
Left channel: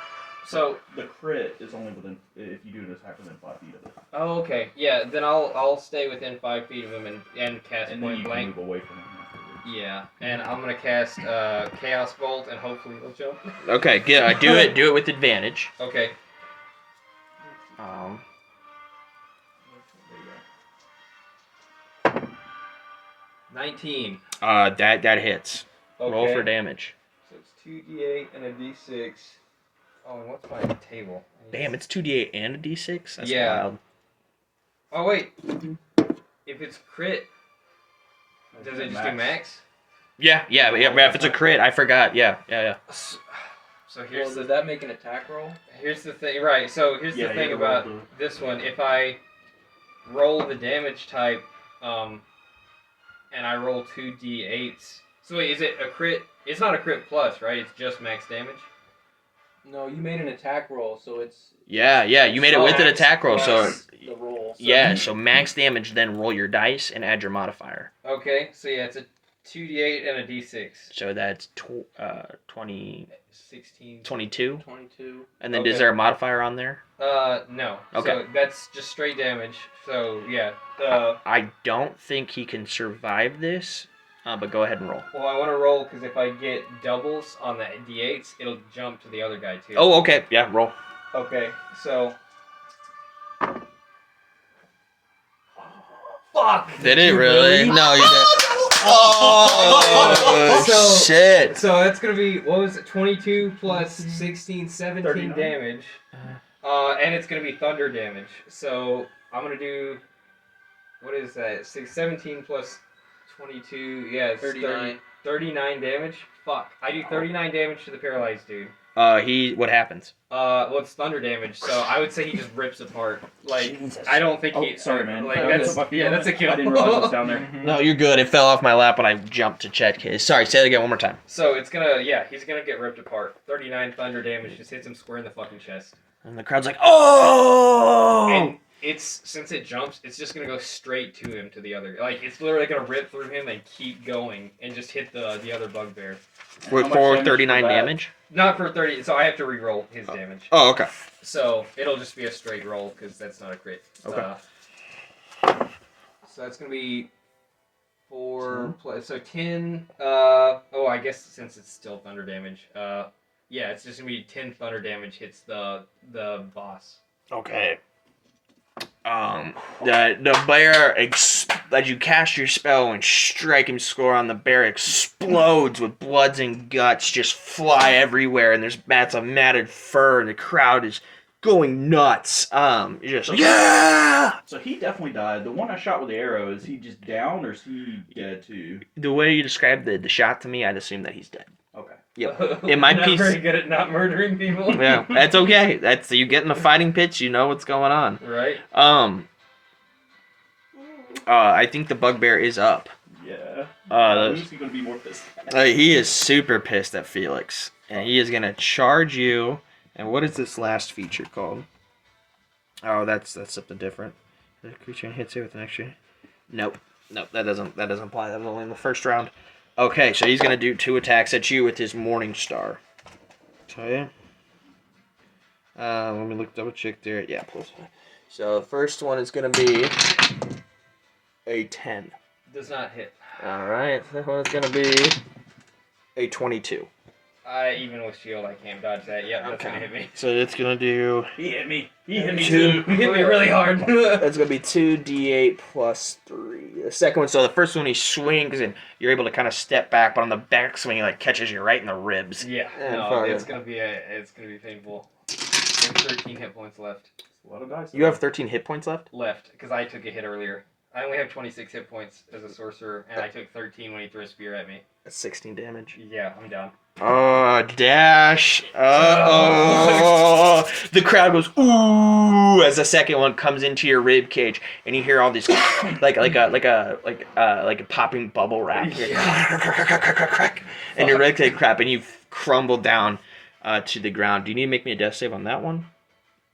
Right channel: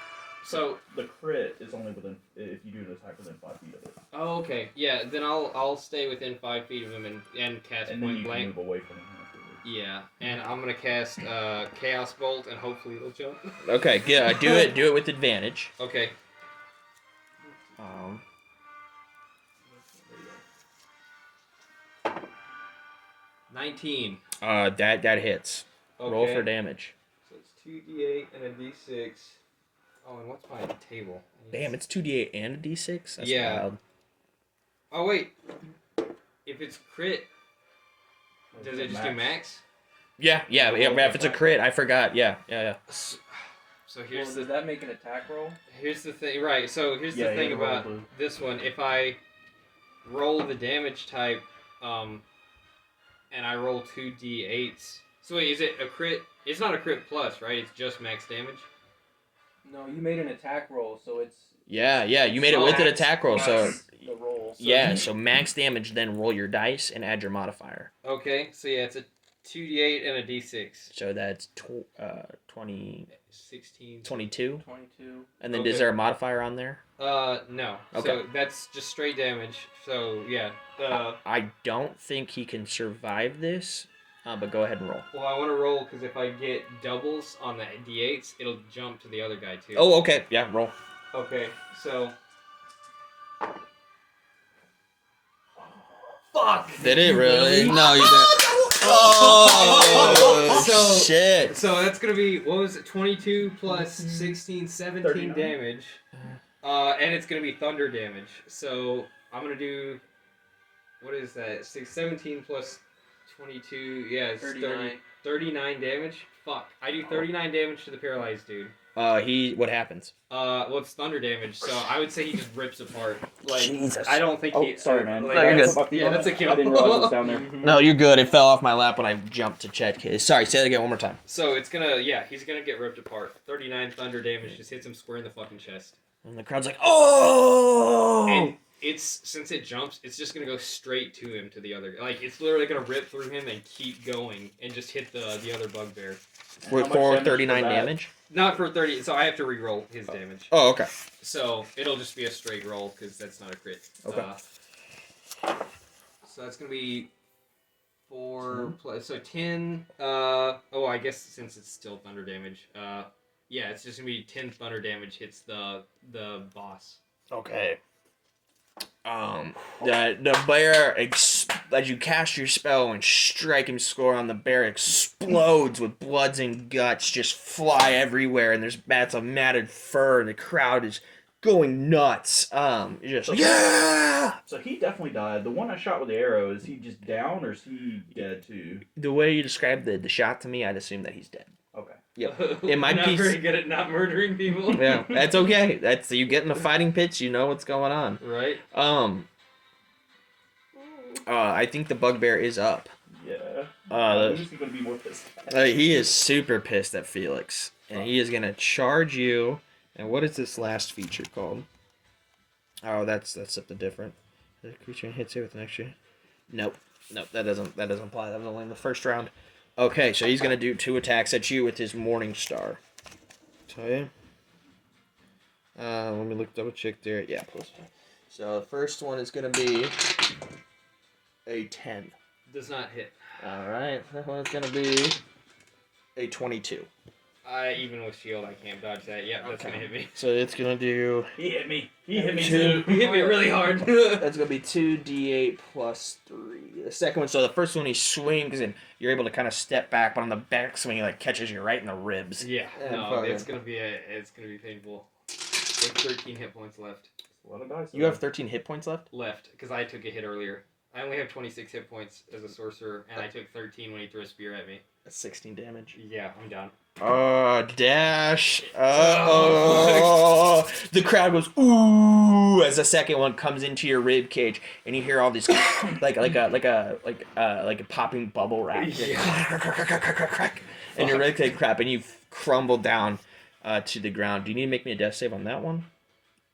So The crit is only within if you do an attack within 5 feet of it, oh, okay, yeah. Then I'll stay within 5 feet of him and cast and then point you can blank. move away from him afterwards. Yeah, and I'm gonna cast Chaos Bolt, and hopefully he'll jump. Okay. Yeah. Do it with advantage. Okay. Um. There you go. 19. That hits. Okay. Roll for damage. So it's 2d8 and a d6. Oh, and what's my table? Damn, it's 2d8 and a d6. That's Yeah. wild. Oh wait. If it's crit, does it just do max? Yeah. If it's a crit, I forgot. Yeah. So here's Well, the does that make an attack roll? here's the thing. Right. So here's Yeah, the you thing gotta roll about this one. If I roll the damage type, and I roll 2d8s, So wait, is it a crit? It's not a crit plus, right? It's just max damage. No, you made an attack roll, so it's. Yeah, you made it with an attack roll, so That's the roll. so max damage, then roll your dice and add your modifier. Okay, so yeah, it's a 2d8 and a d6. So that's 20, 16. 22. 22. And then Okay. is there a modifier on there? No. Okay. So that's just straight damage. So yeah. I don't think he can survive this, but go ahead and roll. Well, I want to roll because if I get doubles on the d8s, it'll jump to the other guy too. Oh, okay. Yeah, roll. Okay, so. Fuck! Did it really? No, you didn't. Oh, shit. So that's going to be, what was it, 22 plus 16, 17 39. damage. And it's going to be thunder damage. So I'm going to do, what is that, 17 plus 22, yeah, it's 39. 39 damage. Fuck. I do 39 damage to the paralyzed dude. What happens? Well, it's thunder damage, so I would say he just rips apart. Like, Jesus. I don't think Oh, he. sorry, man. Like, That's that's, a- yeah, that's a kill. I didn't realize it was down there. No, you're good. It fell off my lap when I jumped to check his. Sorry, say it again one more time. So it's gonna, yeah, he's gonna get ripped apart. 39 thunder damage just hits him square in the fucking chest. And the crowd's like, oh! And since it jumps, it's just gonna go straight to him, to the other. Like, it's literally gonna rip through him and keep going and just hit the other bugbear. With How much for damage 39 was that? damage? Not for 30, so I have to re-roll his damage. Oh, okay. So it'll just be a straight roll because that's not a crit. Okay. So that's gonna be 4 plus, so 10. Oh, I guess since it's still thunder damage. Yeah, it's just gonna be 10 thunder damage hits the boss. Okay. The bear, as you cast your spell and strike him score on the bear, explodes with bloods and guts just fly everywhere, and there's mats of matted fur, and the crowd is going nuts. Yeah! So he definitely died. The one I shot with the arrow, is he just down or is he dead too? The way you described the shot to me, I'd assume that he's dead. Okay. Yep. In my Not piece- very good at not murdering people. Yeah, that's okay. That's you get in the fighting pitch, you know what's going on. Right. I think the bugbear is up. Yeah. Who's he gonna be more pissed at? He is super pissed at Felix, and he is gonna charge you. And what is this last feature called? Oh, that's something different. The creature hits you with an extra. Nope, that doesn't apply. That was only in the first round. Okay, so he's gonna do 2 attacks at you with his Morning Star. Okay. Let me double check there. Yeah, plus. So the first one is gonna be a 10. Does not hit. All right, that one's gonna be a 22. Even with shield, I can't dodge that. Yeah, that's gonna hit me. So it's gonna do. He hit me. He hit me Two. too. You hit me really hard. That's gonna be 2d8 plus 3. The second one, so the first one he swings and you're able to kind of step back, but on the back swing he like catches you right in the ribs. Yeah, And no, fucking- it's gonna be painful. I have 13 hit points left. A lot of dice. You have 13 hit points left. Because I took a hit earlier. I only have 26 hit points as a sorcerer, and I took 13 when he threw a spear at me. That's 16 damage. Yeah, I'm down. Dash. Oh. The crowd goes ooh as the second one comes into your rib cage, and you hear all these like a popping bubble wrap, and your rib cage crap, and you crumble down to the ground. Do you need to make me a death save on that one?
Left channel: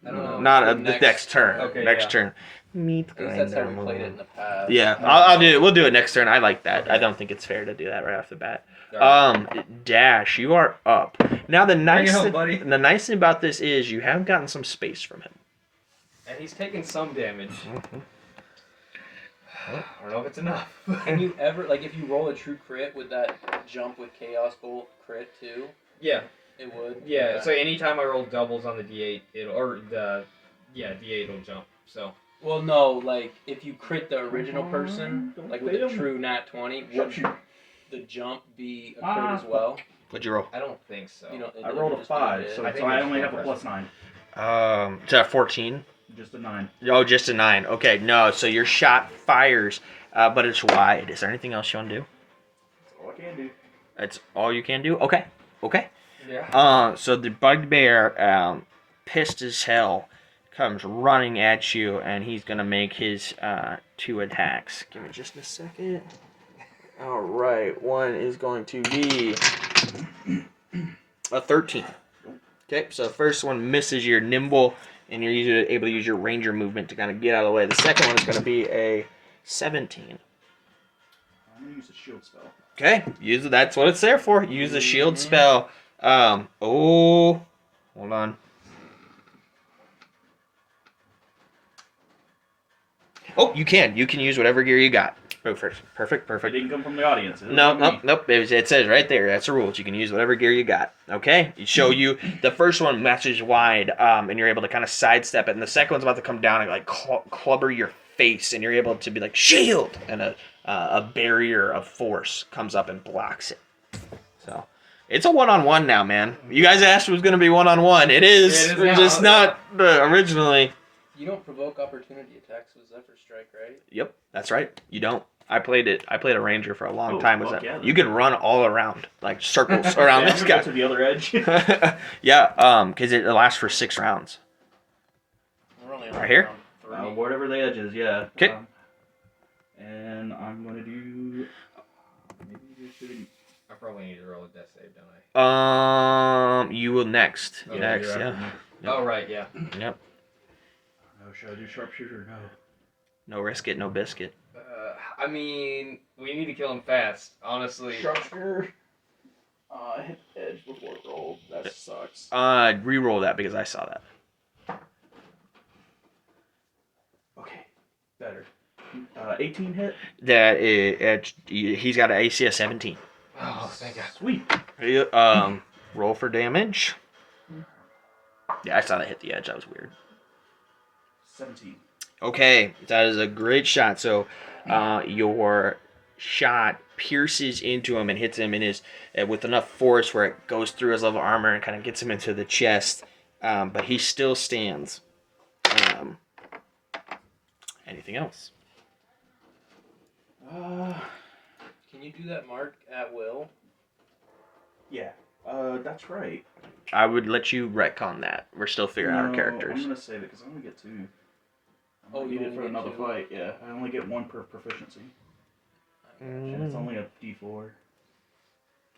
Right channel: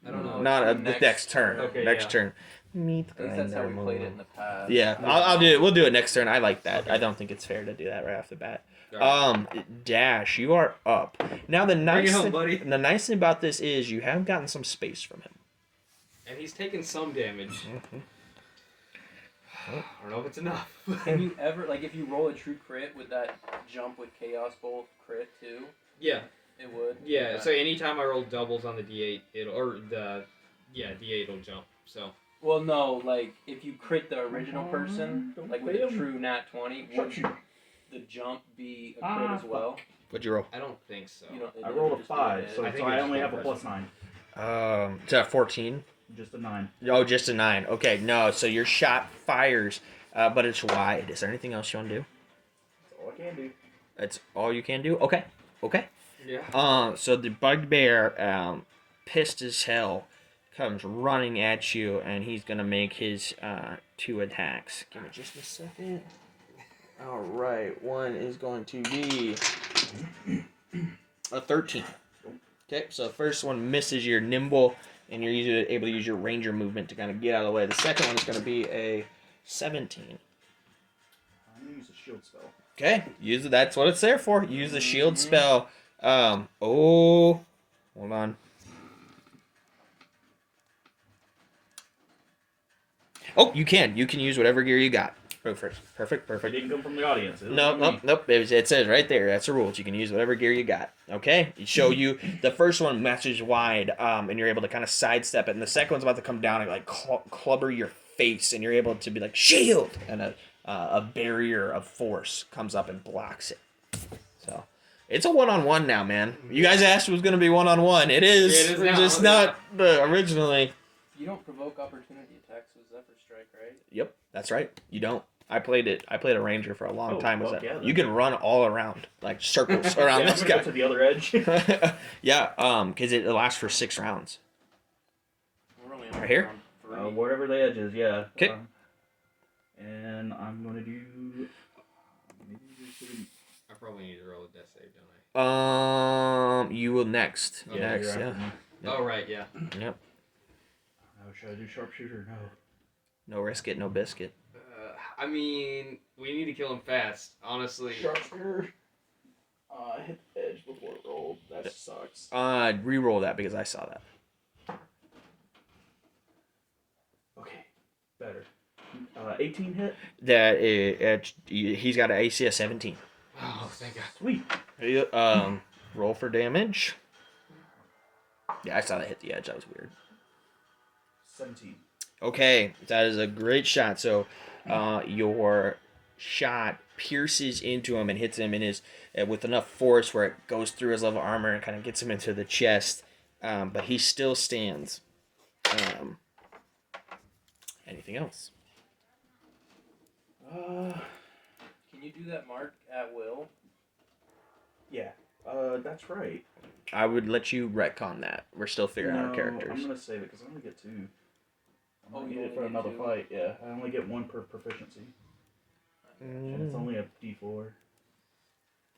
I don't know. Not The the next turn. Okay, next yeah. turn. Meet I guess that's how we played it in the past. Yeah, I'll do it. We'll do it next turn. I like that. Okay. I don't think it's fair to do that right off the bat. Alright. Dash, you are up. Now the nice home, buddy. the nice thing about this is you have gotten some space from him. And he's taken some damage. Mm-hmm. I don't know if it's enough. Can you ever, like, if you roll a true crit, would that jump with Chaos Bolt crit too? Yeah. It would? Yeah, Okay. so anytime I roll doubles on the D8, D8 will jump. So Well, no, like, if you crit the original person, like with a true nat 20, would the jump be a crit as well? What'd you roll? I don't think so. You know, I rolled a just be 5, hit. so I think I it's only have a impressive. +9. Is that 14? Just a 9. Oh, just a 9. Okay, no. So your shot fires, but it's wide. Is there anything else you want to do? That's all I can do. That's all you can do. Okay. Yeah. So the bugbear, pissed as hell, comes running at you, and he's gonna make his 2 attacks. Give me just a second. All right, one is going to be a 13. Okay, so the first one misses. You're nimble, and you're able to use your ranger movement to kind of get out of the way. The second one is going to be a 17. I'm gonna use a shield spell. Okay, that's what it's there for. Use the shield spell. Hold on. Oh, you can. You can use whatever gear you got. Go first. Perfect. It didn't come from the audience. Nope. It says right there. That's the rules. You can use whatever gear you got. Okay? It show you the first one matches wide, and you're able to kind of sidestep it, and the second one's about to come down and like clubber your face, and you're able to be like shield, and a barrier of force comes up and blocks it. So it's a one-on-one now, man. You guys asked if it was going to be one-on-one. It is. It is just not originally. You don't provoke opportunity attacks with Zephyr Strike, right? Yep, that's right. You don't. I played a ranger for a long time. Was that yeah, you can run all around, like circles around this guy. Go to the other edge. Yeah, because it lasts for 6 rounds. We're only Right here? around 3. Whatever the edge is, yeah. Okay. And I'm going to do... maybe we should... I probably need to roll a death save, don't I? You will next. Okay, Next, you're yeah. after me. Yep. Oh, right, yeah. Yep. Oh, should I do sharpshooter? No. No risk it, no biscuit. I mean, we need to kill him fast, honestly. Sharpshooter. I hit the edge before it rolled. That sucks. Reroll that because I saw that. Okay. Better. 18 hit. He's got an AC of 17. Oh, thank God. Sweet. Roll for damage. Yeah, I saw that hit the edge. That was weird. 17. Okay, that is a great shot. So, your shot pierces into him and hits him in his with enough force where it goes through his level armor and kind of gets him into the chest. But he still stands. Anything else? Can you do that mark at will? Yeah. That's right. I would let you retcon that. We're still figuring out our I'm characters. gonna save it because I only get 2. Oh, I you need it only for get another 2? fight. Yeah, I only get 1 per proficiency, and it's only a D4.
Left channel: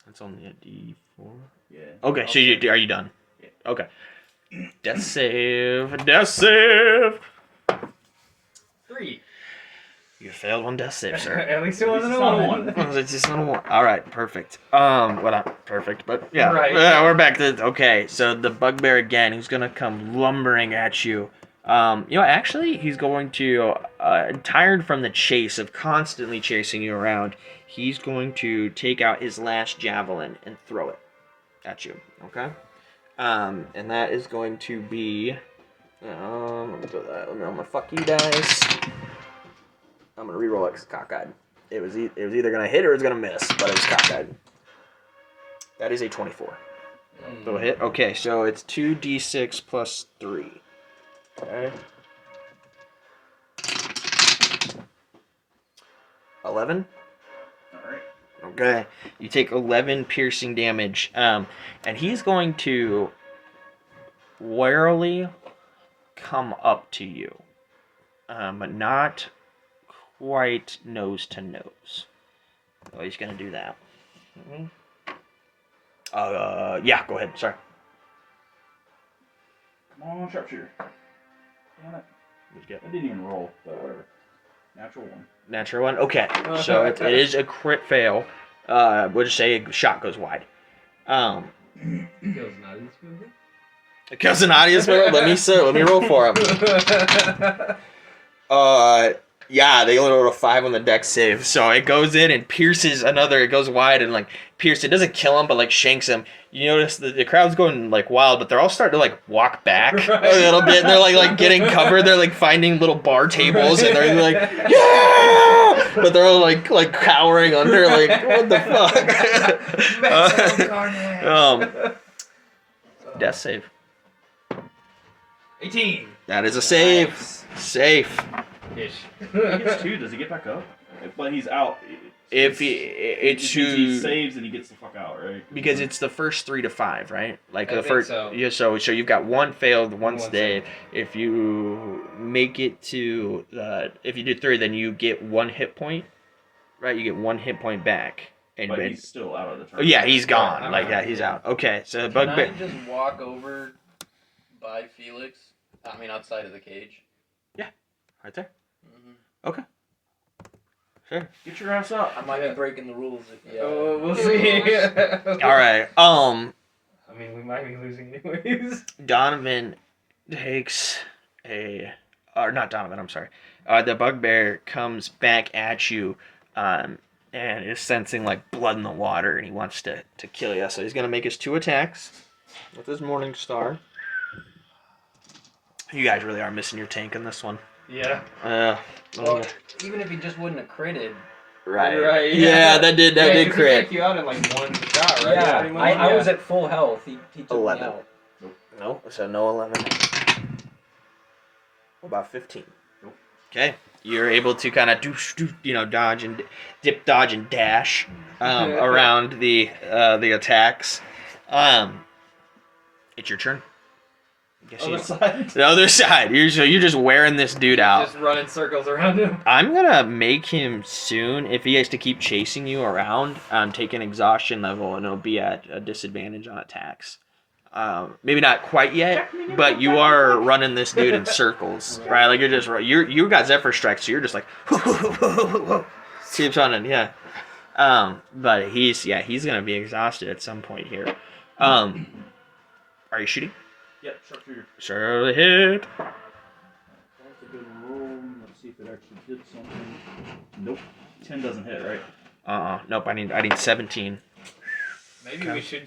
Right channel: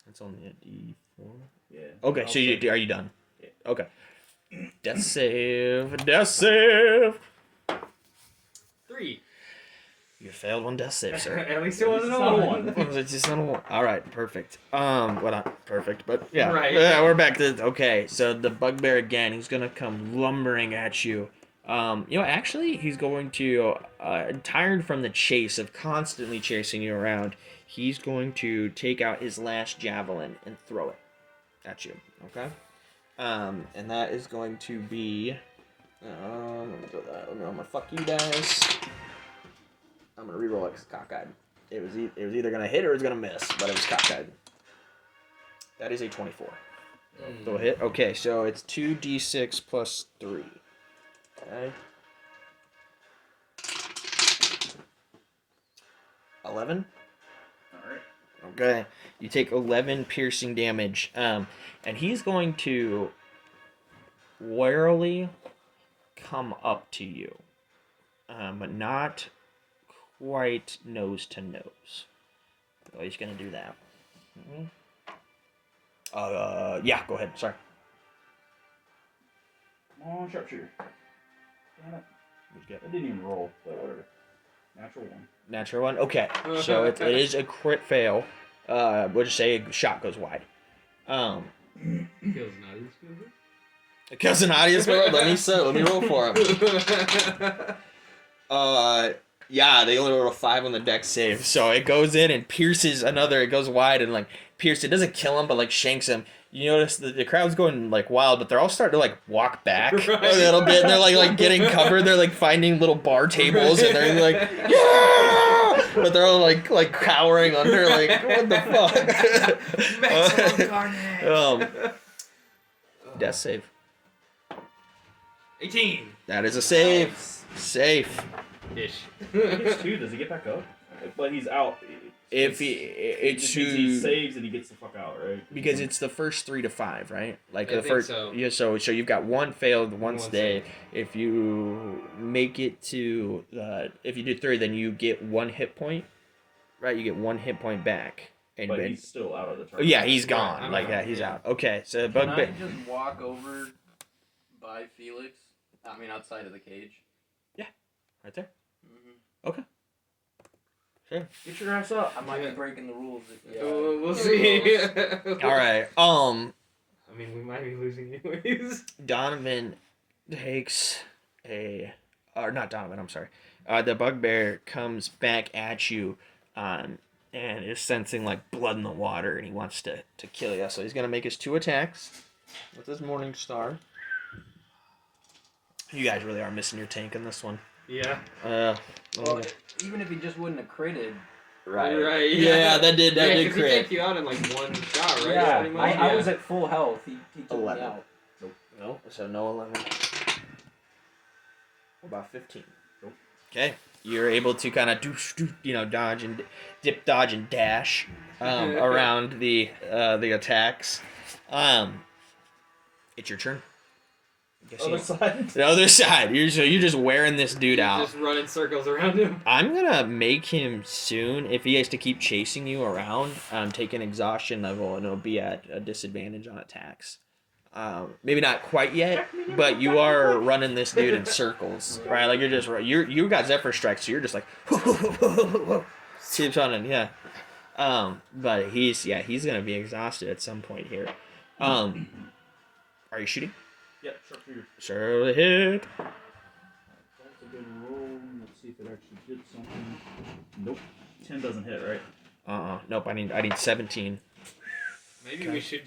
It's only a D4. Yeah. Okay, I'll so save it. are you done? Yeah. Okay. Death save. Death save. 3. You failed one death save, sir. At least it wasn't a It's not a 1. Well, it's just not a one. All right, perfect. Well, not perfect, but yeah. Right. We're back to okay. So the bugbear again. He's gonna come lumbering at you. Actually, he's going to, tired from the chase of constantly chasing you around, he's going to take out his last javelin and throw it at you. Okay. And that is going to be. Let me do that. Let me roll my fuck you dice. I'm gonna reroll it because it's cockeyed. It was either gonna hit or it was gonna miss, but it was cockeyed. That is a 24. So a hit. Okay, so it's 2d6 plus 3. Okay. 11. All right. Okay. You take 11 piercing damage, and he's going to warily come up to you, but not quite nose to nose. Well, he's gonna do that. Yeah, go ahead. Sorry. Come on, sharpshooter. Damn it. What'd you get? It didn't even roll, but whatever. Natural 1. Natural one. Okay, so it is a crit fail. We'll just say a shot goes wide. Kills an audience member? It kills an audience member. Let me roll for him. Yeah, they only rolled a 5 on the dex save, so it goes in and pierces another. It goes wide and pierces. It doesn't kill him, but shanks him. You notice the crowd's going wild, but they're all starting to walk back a little bit. And they're like getting covered. They're finding little bar tables and they're yeah, but they're all cowering under. What the fuck? Death save. 18. That is a save. Nice. Safe. Ish. He gets 2. Does he get back up? But he's out. It's he saves and he gets the fuck out, right? Because it's the first 3 to 5, right? I think so. Yeah. So you've got 1 failed, 1 One stayed. If you make it to if you do 3, then you get 1 hit point. right? You get 1 hit point back. And But he's still out of the oh, turn. yeah, he's gone. I'm Like, out, yeah, he's yeah. out. Okay, so the Can I bugbear. just walk over by Felix? I mean, outside of the cage. Right there. Mm-hmm. Sure. Get your ass up. I might be breaking the rules. Yeah. We'll see. All right. I mean, we might be losing anyways. Donovan takes or not Donovan. I'm sorry. The bugbear comes back at you, and is sensing like blood in the water, and he wants to kill you. So he's gonna make his 2 attacks with his Morning Star. You guys really are missing your tank in this one. Yeah. Well, even if he just wouldn't have critted. Right. Yeah, that did Yeah, 'cause he crit. took you out in like one shot, right? Yeah, Pretty much? I was at full health. He took 11. me out. No, so no 11. What about 15? Nope. Okay, you're able to kind of dodge and dip, dodge and dash around the attacks. It's your turn. Other side. The other side. You're just wearing this dude out. Just running circles around him. I'm gonna make him soon. If he has to keep chasing you around, take an exhaustion level, and it'll be at a disadvantage on attacks. Maybe not quite yet, but you are running this dude in circles, right? Like you got Zephyr Strike, so you're just like keeps running, yeah. But he's gonna be exhausted at some point here. Are you shooting? Yep, sharpshooter. Sure hit. That's a good roll. Let's see if it actually did something. Nope. 10 doesn't hit, right? Nope. I need 17. Maybe Okay. we should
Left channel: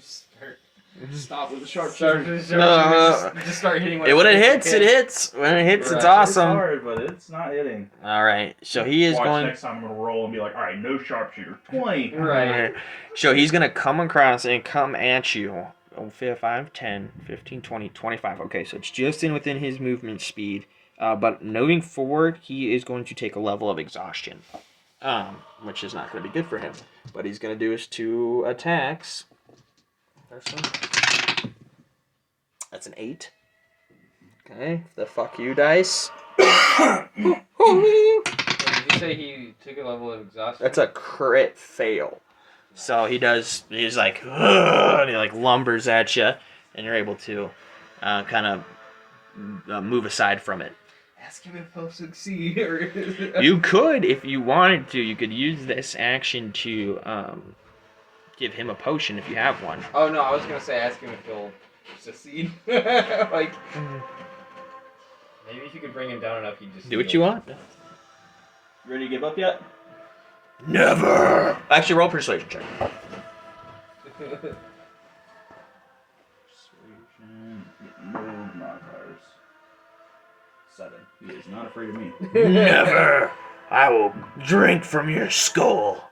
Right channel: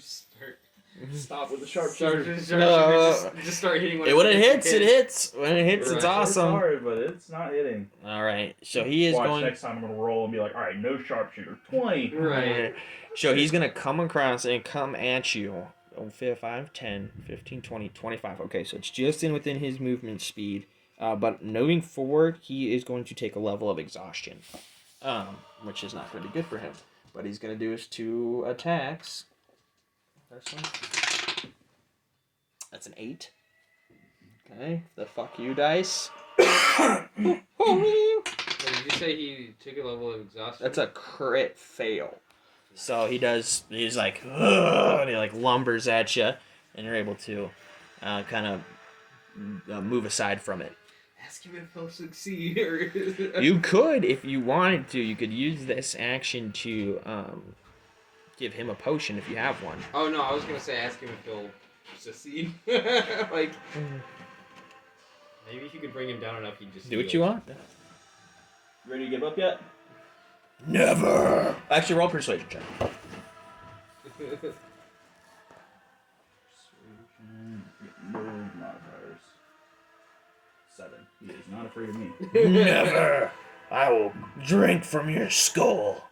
Stop with the sharpshooter. Just start hitting. When it hits, it hits. When it hits, it's Right. awesome. It's hard, but it's not hitting. All right. So he is Watch going. next time I'm gonna roll and be like, all right, no sharpshooter. 20. Right. So he's gonna come across and come at you. 5, 10, 15, 20, 25. Okay, so it's just within his movement speed. But moving forward, he is going to take a level of exhaustion, which is not going to be good for him. But he's going to do his 2 attacks. This one. That's an 8. Okay, the fuck you dice. Did you say he took a level of exhaustion? That's a crit fail. So he's like, ugh, and he like lumbers at you, and you're able to kind of move aside from it. Ask him if he'll succeed. You could, if you wanted to, you could use this action to give him a potion if you have one. Oh no, I was gonna say ask him if he'll succeed. Like, maybe if you could bring him down enough, he'd just Do what you want. Ready to give up yet? Never. Actually, roll persuasion check. Persuasion. No modifiers. 7. He is not afraid of me. Never. I will drink from your skull.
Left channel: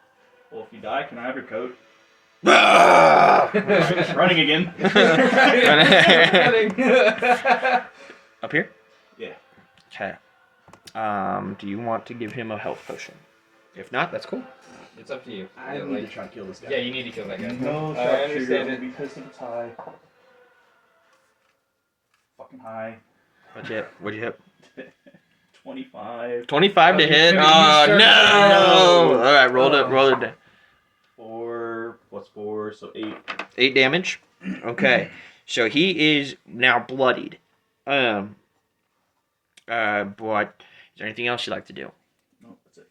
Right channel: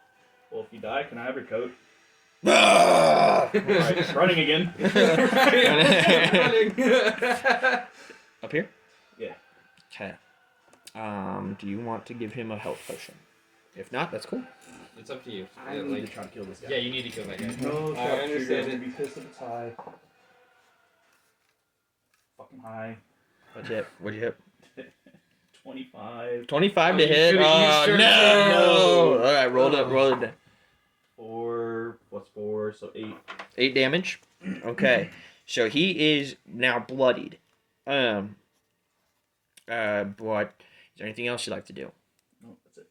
Well, if you die, can I have your coat? Ah! Alright, running again. Up here? Yeah. Okay. Do you want to give him a health potion? If not, that's cool. It's up to you. I Yeah, need to try to kill this guy. yeah, you need to kill that guy. No, I understand will it. be pissed at the tie. Fucking high. What'd you hit? 25. 25 to Oh, hit. you Oh, sure- no! no. All right, roll it. 4 plus 4, so 8. 8 damage. Okay, so he is now bloodied. But is there anything else you'd like to do? No, that's it.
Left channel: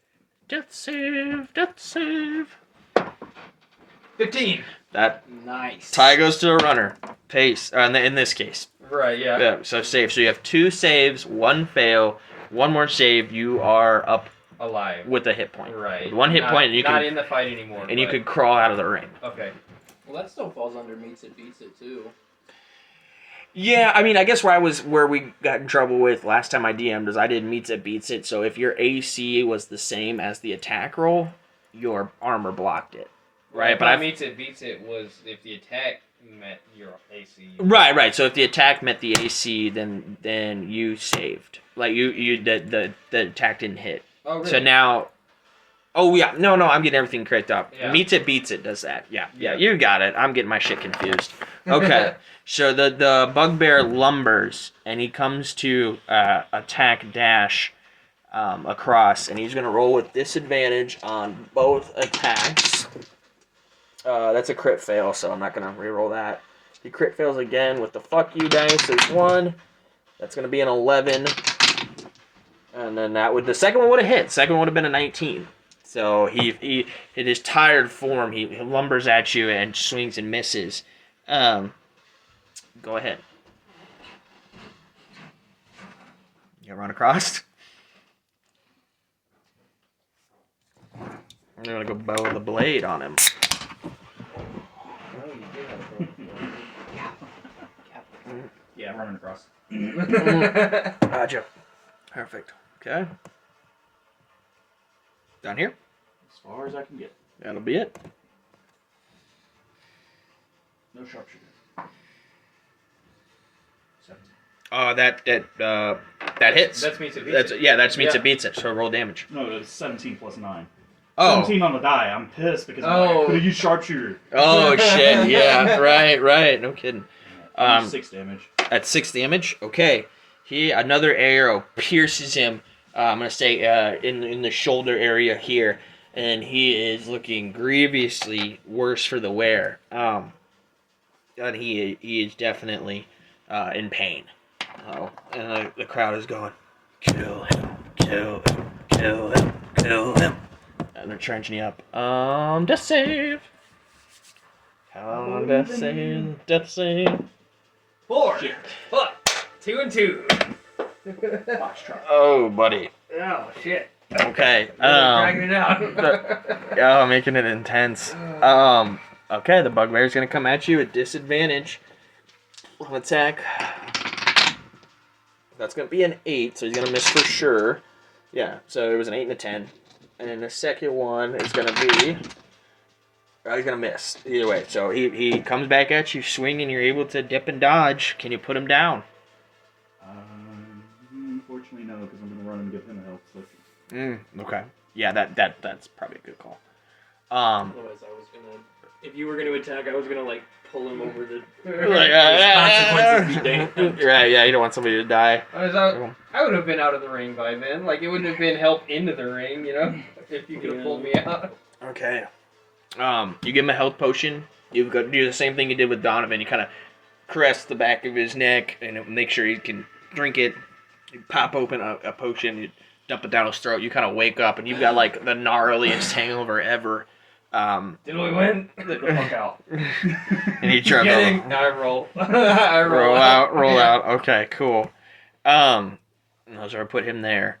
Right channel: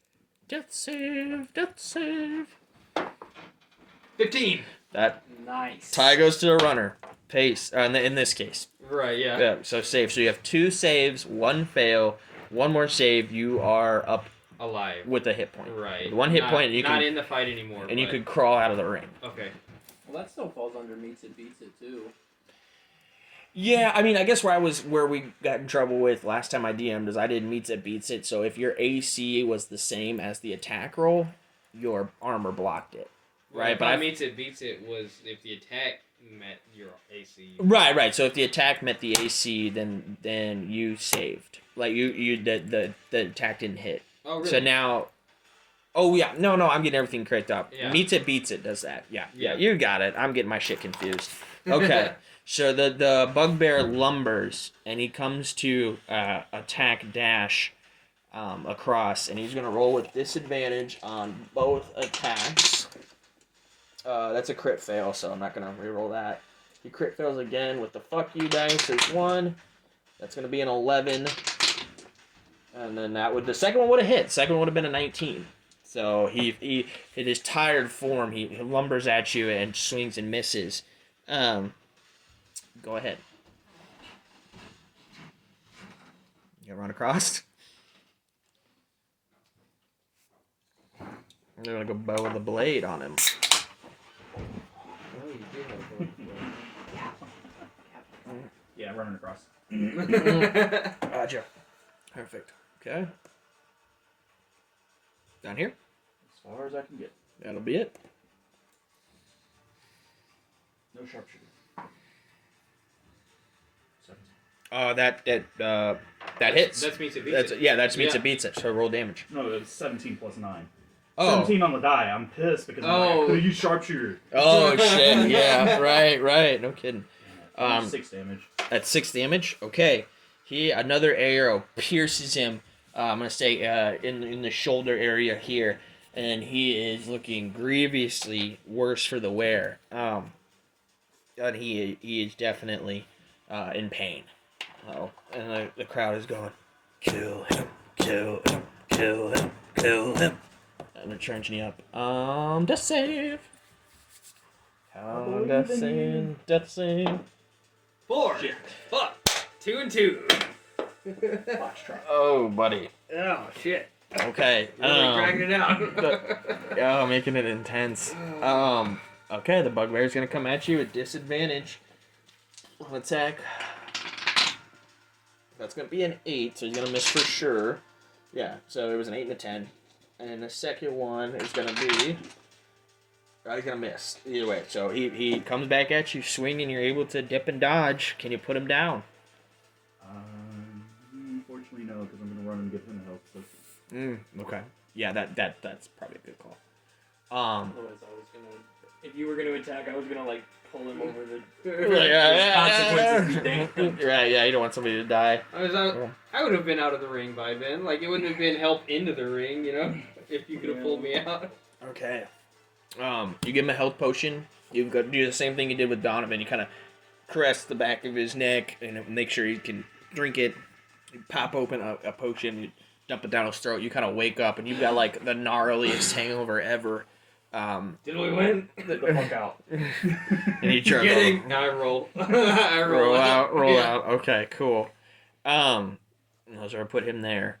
Death save. 15. That Nice. tie goes to the runner. Pace. In this case. Right. Yeah. Yeah. So save. So you have 2 saves, 1 fail, 1 more save. You are up Alive. with a hit point. Right. 1 hit Not- point, and you not can in the fight anymore. and you but- could crawl out of the ring. Okay. Well, that still falls under meets it, beats it too. Yeah, I mean, I guess where we got in trouble with last time I DM'd is I did meets it, beats it. So if your AC was the same as the attack roll, your armor blocked it. Right, but I meets it, beats it was if the attack met your AC. Right. So if the attack met the AC, then you saved. Like the attack didn't hit. Oh really? So now, oh yeah, no, I'm getting everything correct up. Yeah. Meets it, beats it does that. Yeah, Yeah. you got it. I'm getting my shit confused. Okay, so the bugbear lumbers and he comes to attack Dash, across, and he's gonna roll with disadvantage on both attacks. That's a crit fail, so I'm not gonna reroll that. He crit fails again with the fuck you dice. There's 1. That's gonna be an 11, and then the second one would have hit. Second one would have been a 19. So he in his tired form, he lumbers at you and swings and misses. Go ahead. You gonna run across? I'm gonna go bow the blade on him. Yeah, I'm running across. Gotcha. Perfect. Okay. Down here. As far as I can get. That'll be it. No sharpshooter. 17. That hits. That's means it beats it. That means Yeah. it beats it. So roll damage. No, it's 17 plus 9. Oh. 17 on the die. I'm pissed because I'm like, I could have used sharpshooter. Oh shit! Yeah, right. No kidding. 6 damage. At 6 damage. Okay. Another arrow pierces him. I'm gonna say in the shoulder area here, and he is looking grievously worse for the wear. And he is definitely in pain. Oh, and the crowd is going, kill him, kill him, kill him, kill him. And they're trenching you up. Death save. Death save. 4. Shit. Fuck. 2 and 2. Foxtrot. Oh, buddy. Oh shit. Okay. Dragging it out. Making it intense. Okay, the bugbear's gonna come at you at disadvantage. One attack. That's gonna be an 8, so he's gonna miss for sure. Yeah, so it was an 8 and a 10. And then the second one is gonna be. He's gonna miss either way. So he comes back at you, swinging. You're able to dip and dodge. Can you put him down? Unfortunately, no, because I'm gonna run and give him a help. Okay. Yeah, that's probably a good call. Otherwise, I was gonna. If you were gonna attack, I was gonna like pull him over the consequences. Right. Yeah. You don't want somebody to die. I would have been out of the ring by then. Like, it wouldn't have been help into the ring, you know, if you could have pulled me out. Okay. You give him a health potion. You've got to do the same thing you did with Donovan. You kind of caress the back of his neck and make sure he can drink it. You pop open a potion. You dump it down his throat. You kind of wake up and you've got like the gnarliest hangover ever. Did we win? Get the fuck out. And you try Kidding. I roll. I roll out. Okay, cool. So I put him there.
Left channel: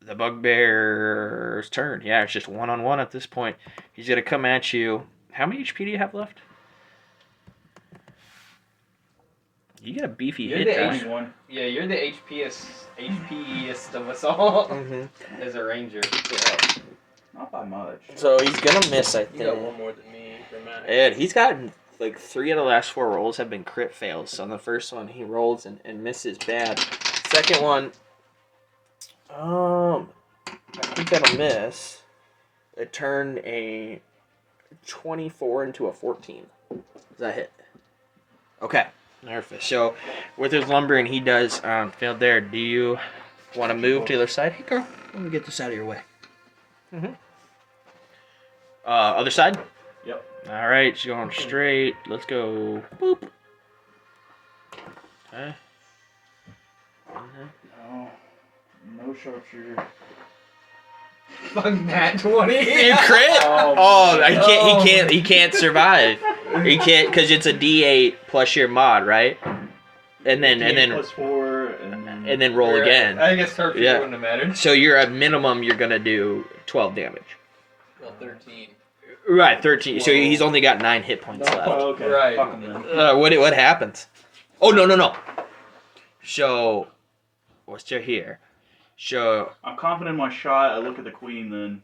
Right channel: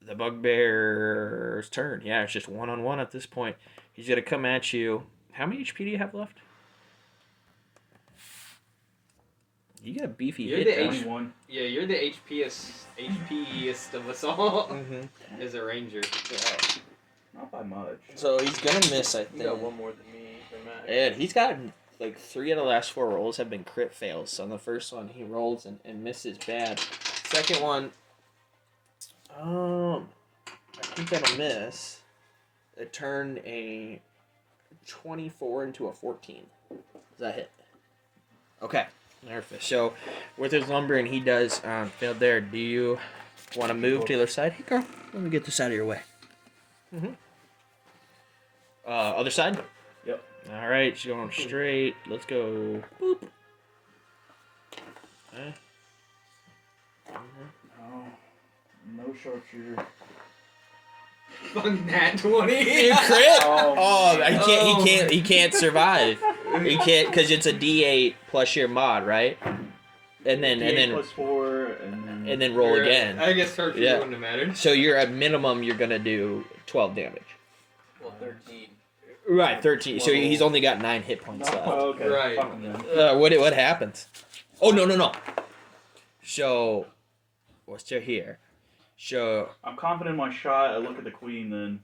The bugbear's turn. Yeah, it's just 1-on-1 at this point. He's gonna come at you. How many HP do you have left? You get a beefy You're hit the die. 21. Yeah, you're the HPest of us all. Mm-hmm. As a ranger. Not by much. So he's gonna miss, I You got think. one more than me for Max. And he's gotten like 3 of the last 4 rolls have been crit fails. So on the first one he rolls and misses bad. Second one, I think that'll miss. It turned a 24 into a 14. Does that hit? Okay. Perfect. So with his lumbering, he does fail there. Do you want to move to the other side? Hey, girl, let me get this out of your way. Mm-hmm. Other side? Yep. All right, she's going straight. Let's go. Boop. Okay. No sharpshooter. Fuck that 20. You crit? Oh, He can't survive. He can't because it's a D8 plus your mod, right? And then plus 4, and then roll again. I guess sharpshooter Yeah. wouldn't have mattered. So you're at minimum. You're gonna do 12 damage. Well, 13. Right, 13. So he's only got 9 hit points left. Oh, okay. Right. Fuck him then. What happens? Oh no. So what's here? So I'm confident in my shot. I look at the queen then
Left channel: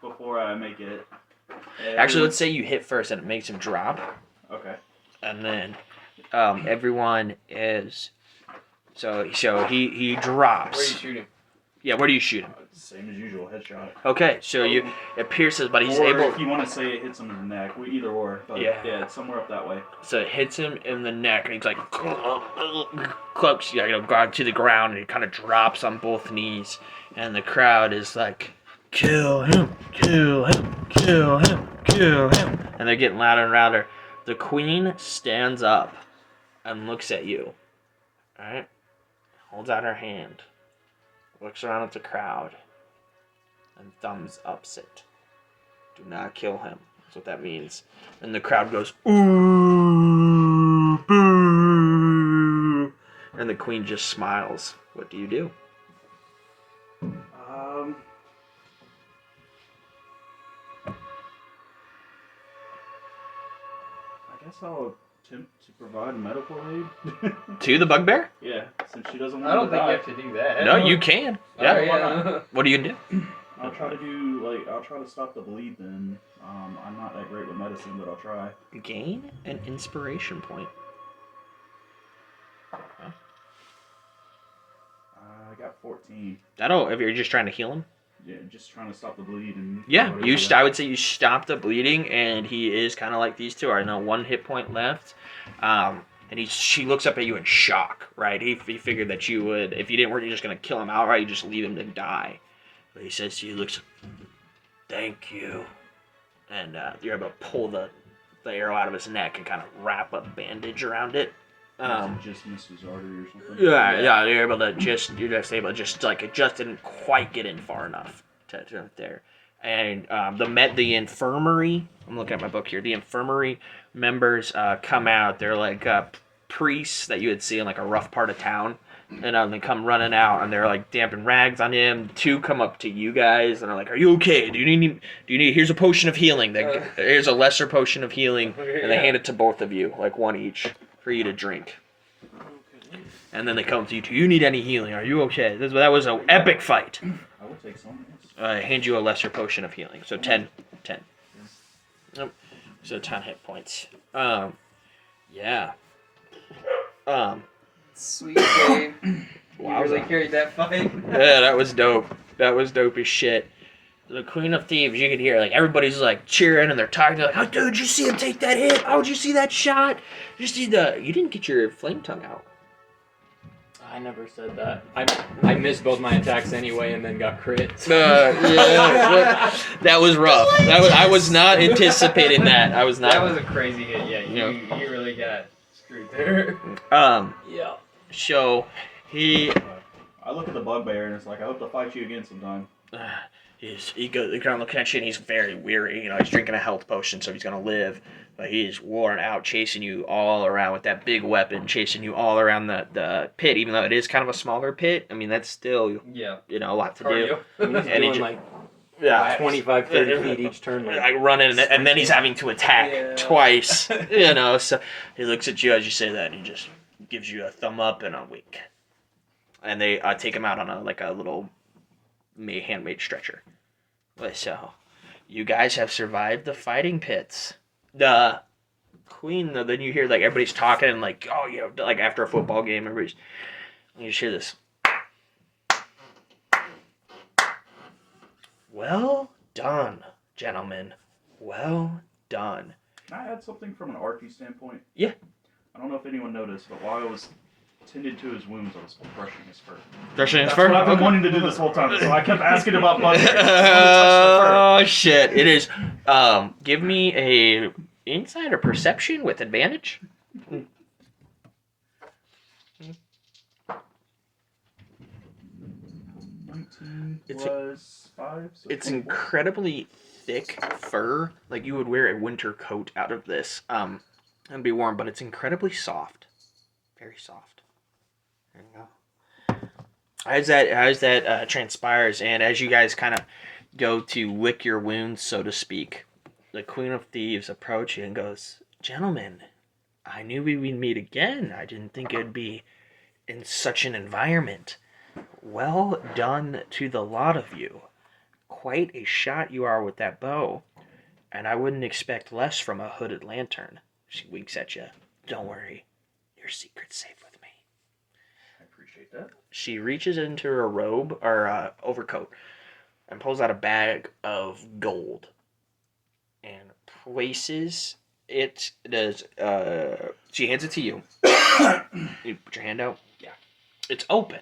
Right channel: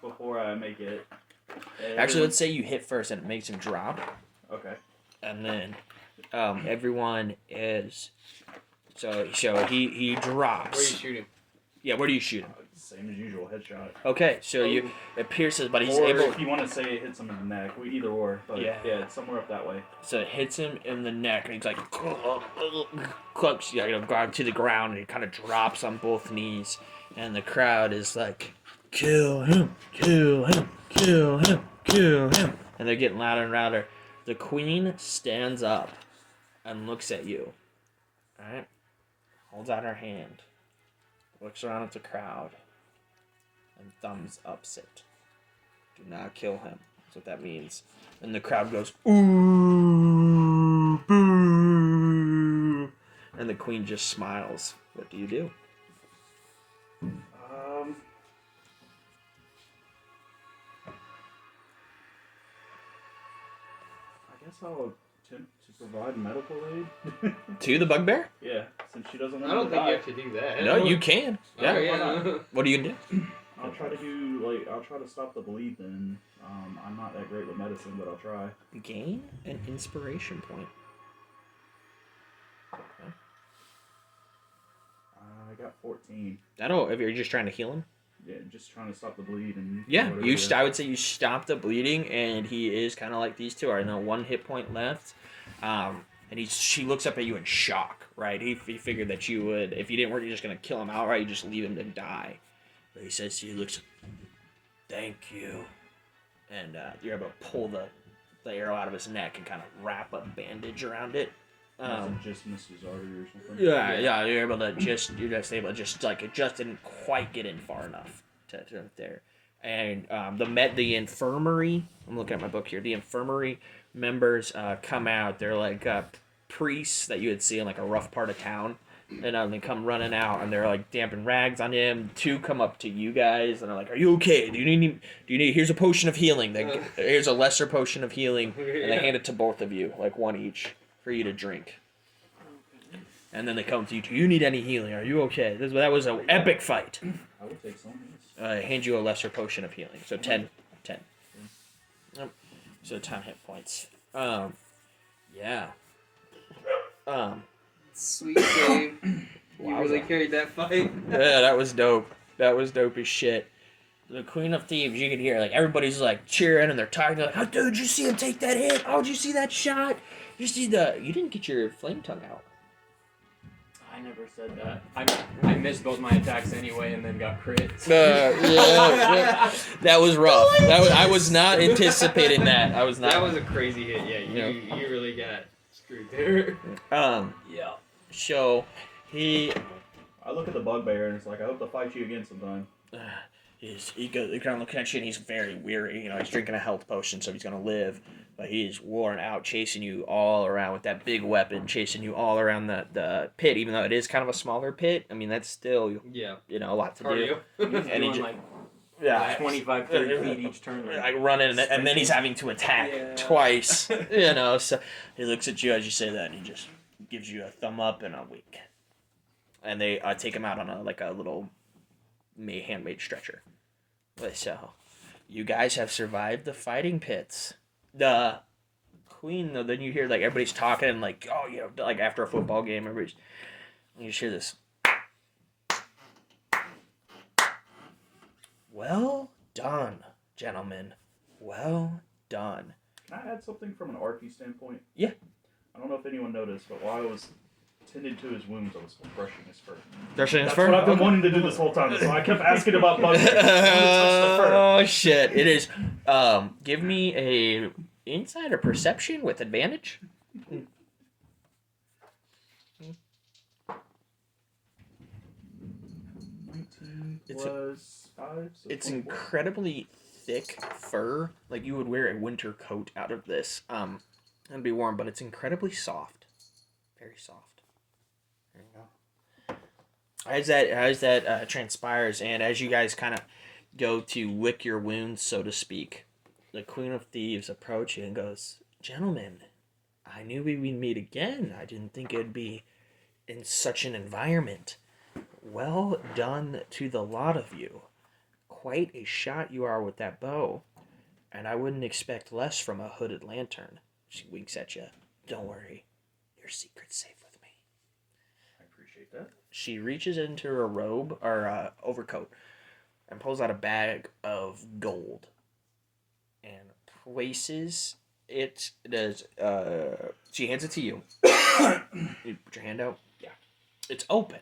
before I make it. actually, let's say you hit first and it makes him drop, Okay. and then everyone is so he drops. Where do you shoot him? Yeah, where do you shoot him? Same as usual, headshot. Okay, so it pierces, but he's or able. if you want to say it hits him in the neck, either or. But Yeah. it's somewhere up that way. So it hits him in the neck, and he's like, clucks, guard to the ground, and he kind of drops on both knees, and the crowd is like, kill him, kill him, kill him, kill him, and they're getting louder and louder. The queen stands up and looks at you. All right, holds out her hand, looks around at the crowd, and thumbs ups it. Do not kill him. That's what that means. And the crowd goes, ooh, boo. And the queen just smiles. What do you do? I guess I'll attempt to provide medical aid. To the bugbear? Yeah, since she doesn't want I don't to think die. you have to do that. No, you can. Yeah. Alright, why not? What do you do? I'll try to stop the bleed then. I'm not that great with medicine, but I'll try. Gain an inspiration point. Okay. I got 14. That'll, if you're just trying to heal him. Yeah, just trying to stop the bleed and. Yeah, I would say you stop the bleeding, and he is kind of like these two. I know 1 hit point left. And she looks up at you in shock, right? He figured that you would, if you weren't just going to kill him outright, you just leave him to die. But he says to you, looks, thank you. And you're able to pull the arrow out of his neck and kind of wrap a bandage around it. Just missed his artery or something. Yeah, you're able to it just didn't quite get in far enough to there. And the infirmary, I'm looking at my book here, the infirmary members come out. They're like priests that you would see in like a rough part of town. And they come running out, and they're like damping rags on him. 2 come up to you guys, and are like, "Are you okay? Do you need? Here's a potion of healing. Here's a lesser potion of healing." And they hand it to both of you, like 1 each, for you to drink. And then they come to you. Do you need any healing? Are you okay? That was an epic fight. I will take some. I hand you a lesser potion of healing. So 10. Yep. So 10 hit points. Yeah. Sweet Dave. You really Wowza. carried that fight. Yeah, that was dope. That was dope as shit. The Queen of Thieves, you could hear, like, everybody's, like, cheering, and they're talking. They're like, oh, dude, did you see him take that hit? Oh, did you see that shot? Did you see You didn't get your flame tongue out. I never said that. I missed both my attacks anyway, and then got crit. Yeah. That was rough. I was not anticipating that. I was not. That was a crazy hit. Yeah, you really got screwed there. Yeah. So, he look at the bugbear, and it's like, I hope to fight you again sometime. he kind of looking at you, and he's very weary. You know, he's drinking a health potion, so he's gonna live. But he's worn out, chasing you all around with that big weapon, chasing you all around the pit. Even though it is kind of a smaller pit, I mean that's still a lot to do. And he's doing like 25, 30 feet each turn. Like running, and then he's having to attack twice. You know, so he looks at you as you say that, and he just gives you a thumb up and a wink. And they take him out on a little handmade stretcher. So, you guys have survived the fighting pits. The queen, though, then you hear like everybody's talking and like, oh, you know, like after a football game, you just hear this. Well done, gentlemen. Well done. Can I add something from an RP standpoint? Yeah. I don't know if anyone noticed, but while I was tending to his wounds, I was brushing his fur. Brushing his That's fur? what I've been wanting to do this whole time, so I kept asking about bugbears. Oh, shit. It is. Give me a insight or perception with advantage. 19 plus 5, so It's 24. incredibly thick fur. Like you would wear a winter coat out of this. And be warm, but it's incredibly soft. Very soft. There you go. As that transpires, and as you guys kind of go to lick your wounds, so to speak, the Queen of Thieves approaches you and goes, "Gentlemen, I knew we would meet again. I didn't think it would be in such an environment. Well done to the lot of you. Quite a shot you are with that bow, and I wouldn't expect less from a hooded lantern." She winks at you. "Don't worry, your secret's safe with me." I appreciate that. She reaches into her robe or overcoat, and pulls out a bag of gold and places it. Does she hands it to you? You put your hand out. Yeah. It's open,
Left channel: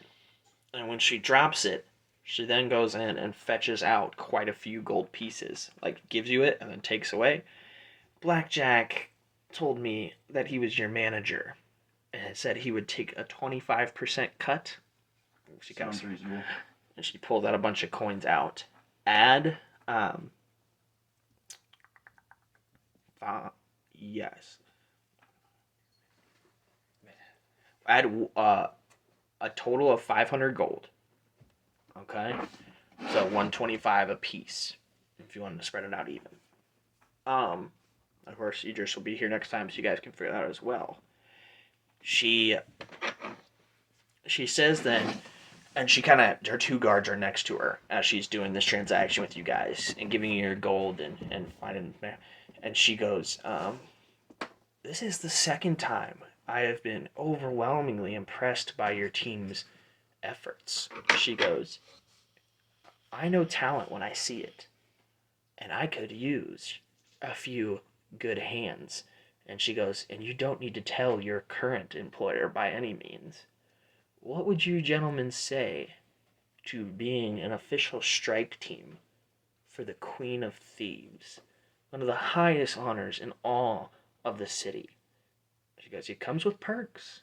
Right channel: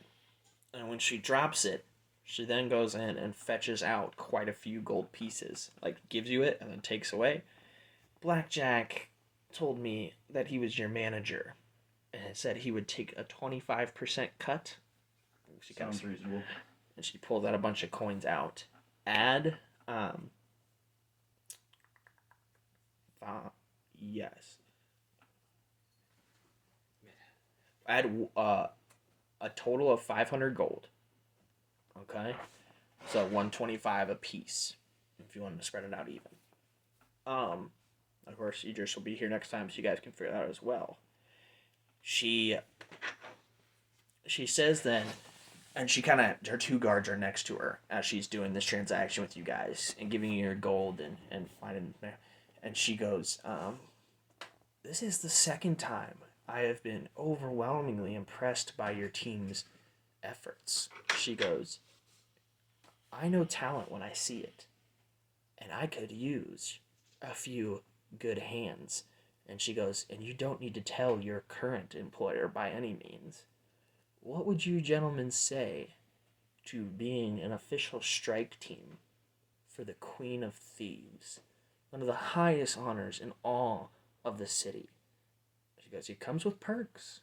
and when she drops it, she then goes in and fetches out quite a few gold pieces. Like gives you it and then takes away. Blackjack told me that he was your manager, and said he would take a 25% cut. She Sounds reasonable. And she pulls out a bunch of coins out. Add, yes. Add a total of 500 gold. Okay, so 125 a piece. If you want to spread it out even. Of course, Idris will be here next time, so you guys can figure that out as well. She says then, and she kind of, her two guards are next to her as she's doing this transaction with you guys and giving you your gold and finding there. And she goes, this is the second time I have been overwhelmingly impressed by your team's efforts. She goes, I know talent when I see it, and I could use a few good hands. And she goes, and you don't need to tell your current employer by any means. What would you gentlemen say to being an official strike team for the Queen of Thieves? One of the highest honors in all of the city. She goes, it comes with perks.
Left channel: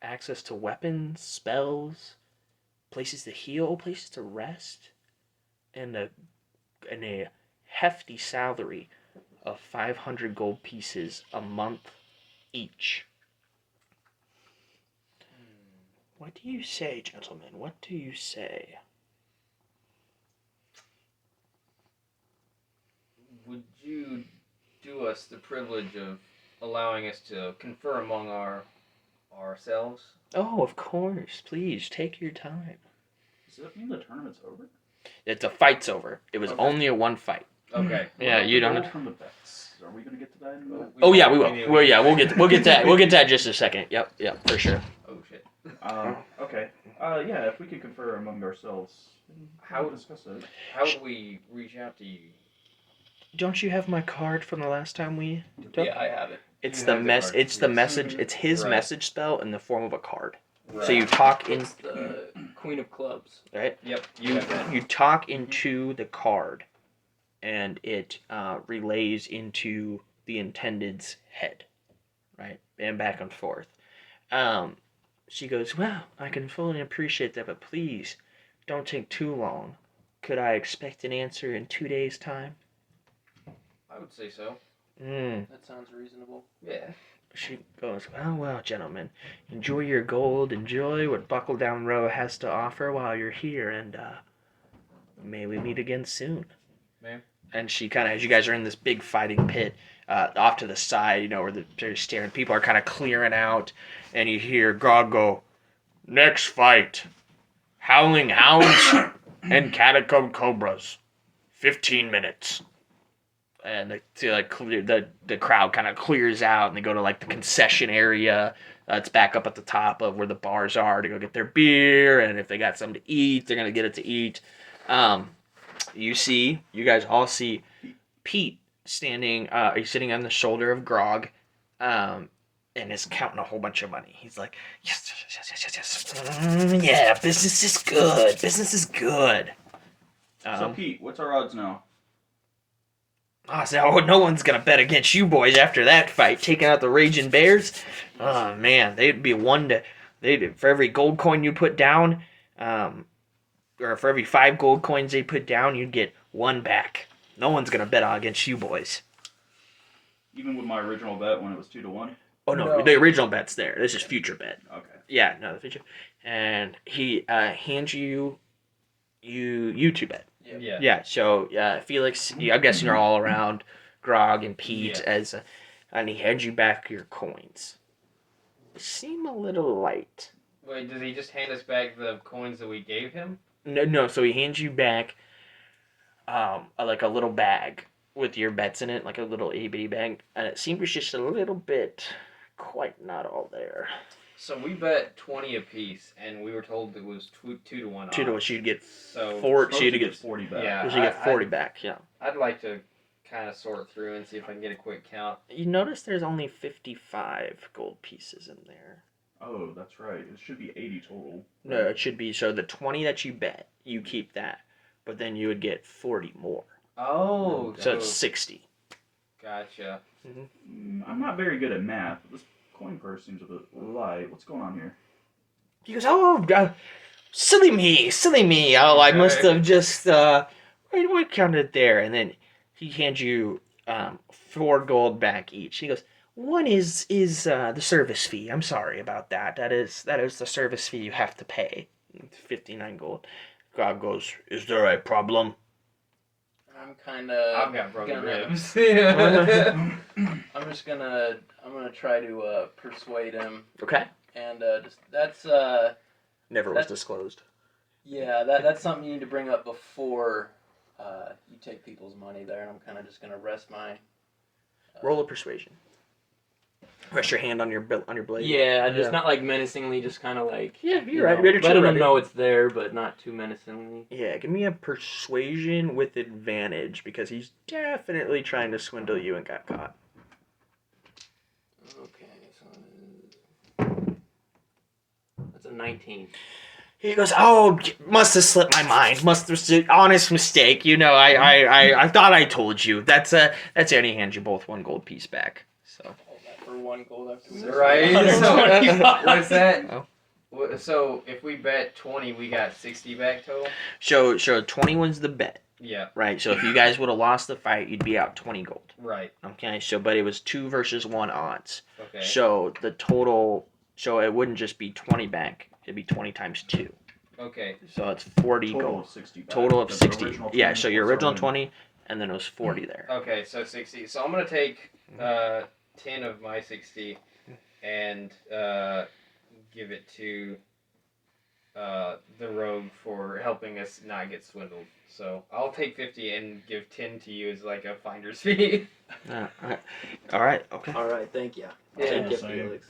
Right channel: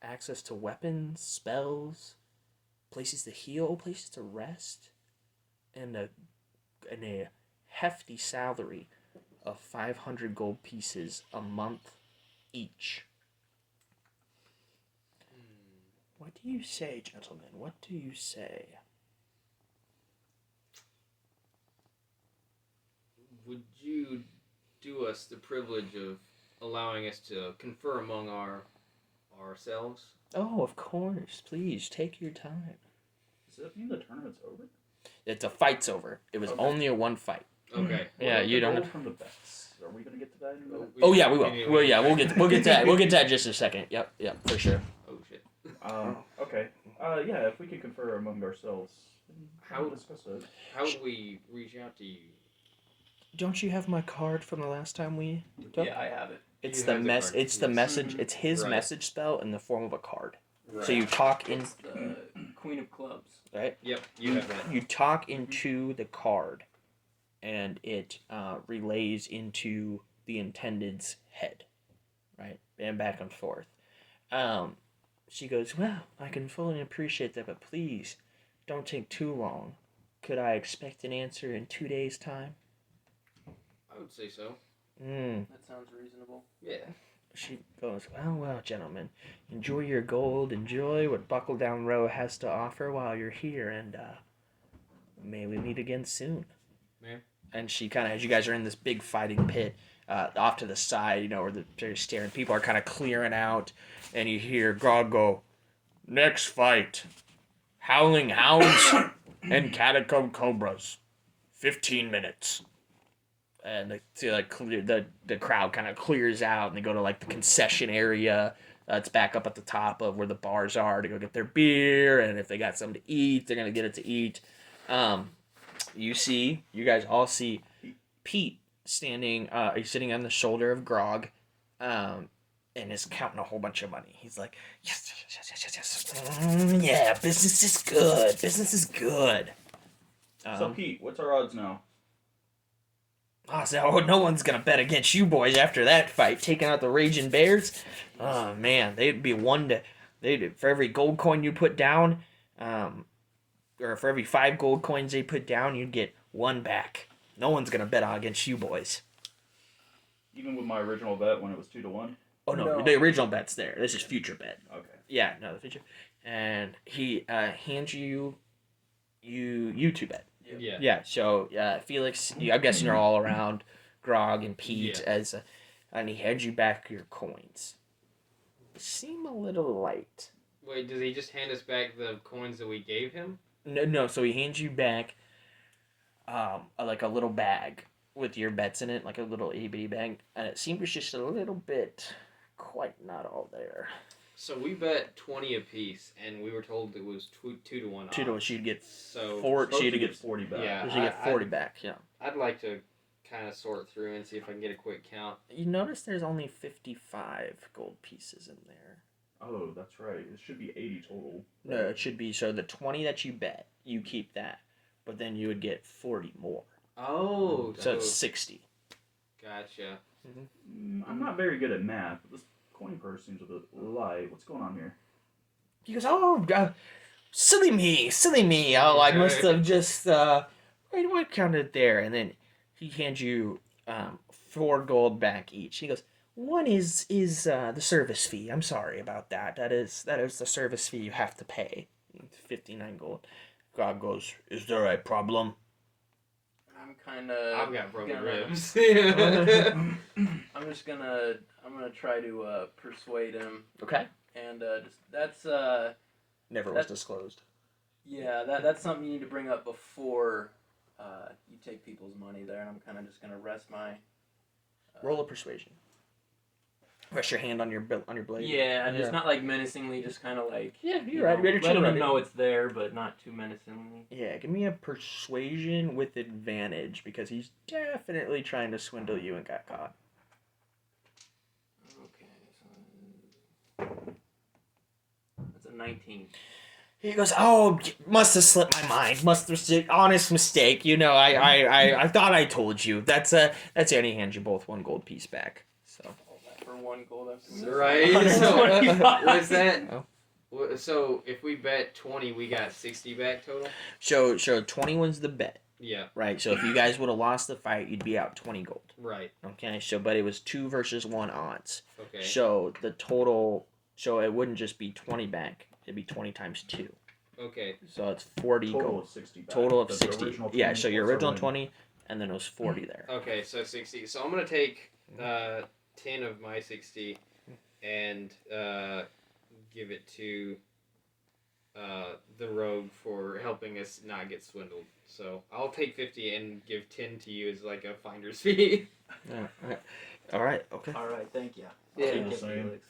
Access to weapons, spells, places to heal, places to rest, and a hefty salary of 500 gold pieces a month each. What do you say, gentlemen? What do you say? Would you do us the privilege of allowing us to confer among ourselves? Oh, of course. Please, take your time. Does that mean the tournament's over? It's a fight's over. It was Okay. only a one fight. Okay. Yeah, you don't. From the bets. Are we gonna get to that in a minute? Oh yeah, we will. Well, yeah, we'll get to that. We'll get to that in just a second. Yep, for sure. Oh shit. Okay. Yeah, if we could confer among ourselves, How- we'll discuss it. How would we reach out to you? Don't you have my card from the last time we took? Yeah, I have it. It's You the have the mess. card, It's the yes. message. It's his Right. message spell in the form of a card. Right. So you talk in, It's the Queen of Clubs. right? Yep. You have that. You talk into the card, and it relays into the intended's head, right? And back and forth. She goes, well, I can fully appreciate that, but please don't take too long. Could I expect an answer in 2 days' time? I would say so. That sounds reasonable. Yeah. She goes, well, gentlemen, enjoy your gold, enjoy what Buckle Down Row has to offer while you're here, and may we meet again soon. Ma'am? And she kind of, as you guys are in this big fighting pit, off to the side, where they're staring, people are kind of clearing out, and you hear Grog go, next fight, Howling Hounds and Catacomb Cobras, 15 minutes. And the crowd kind of clears out, and they go to like the concession area. It's back up at the top of where the bars are to go get their beer, and if they got something to eat, they're gonna get it to eat. You guys all see Pete standing. He's sitting on the shoulder of Grog, and is counting a whole bunch of money. He's like, yes. Yeah, business is good. Business is good. So Pete, what's our odds now? So no one's gonna bet against you boys after that fight, taking out the Raging Bears. Oh man, they'd be for every gold coin you put down, or for every 5 gold coins they put down, you'd get 1 back. No one's gonna bet against you boys. Even with my original bet when it was 2-1. Oh no, No. the original bet's there. This is future bet. Okay. Yeah, no, the future. And he hands you 2 bet. Yeah. Yeah, so Felix, I'm guessing you're all around Grog and Pete Yeah. and he hands you back your coins. They seem a little light. Wait, does he just hand us back the coins that we gave him? No, so he hands you back like a little bag with your bets in it, like a little ABD bag, and it seems just a little bit quite not all there. So we bet 20 apiece, and we were told it was 2 to 1 odds. 2 to 1. She'd get So 4. She'd get 40 back. Yeah. She'd get 40 back. Yeah. I'd like to kind of sort through and see if I can get a quick count. You notice there's only 55 gold pieces in there. Oh, that's right. It should be 80 total. No, it should be, so the 20 that you bet, you keep that. But then you would get 40 more. Oh, So it's 60. Gotcha. I'm not very good at math. This coin purse seems a bit light. What's going on here? He goes, oh, silly me. Oh, I must have just, what counted there? And then he hands you 4 gold back each. He goes, one is the service fee. I'm sorry about that. That is the service fee you have to pay. 59 gold. God goes, is there a problem? I've got broken ribs. I'm gonna try to persuade him, Okay. and that's Never was disclosed. yeah, that's something you need to bring up before you take people's money there, and I'm kind of just gonna rest my Roll a persuasion. Rest your hand on your blade. Yeah, just not like menacingly, just kind of like Yeah, you're right. Better letting to them know it's there, but not too menacingly. Yeah, give me a persuasion with advantage because he's definitely trying to swindle you and got caught. Okay, so that's a 19. He goes, oh, must have slipped my mind. Must have honest mistake. You know, I thought I told you. That's it. And he hands you both 1 gold piece back. So. Hold that for 1 gold after Right. So what's that? Oh. So if we bet 20, we got 60 back total. So 21's the bet. Yeah. Right. So if you guys would have lost the fight, you'd be out 20 gold. Right. Okay. So but it was 2 versus 1 odds. Okay. So the total. So it wouldn't just be 20 back. It'd be 20 times 2. Okay. So it's 40 Total gold. of 60 back. Total of The 60. original Yeah, 20 so your plus original our win. 20, and then it was 40 there. Okay, so 60. So I'm gonna take 10 of my 60 and give it to the rogue for helping us not get swindled. So I'll take 50 and give 10 to you as like a finder's fee. All right. Okay. All right, thank you. Yeah. Thank you, Same. Felix.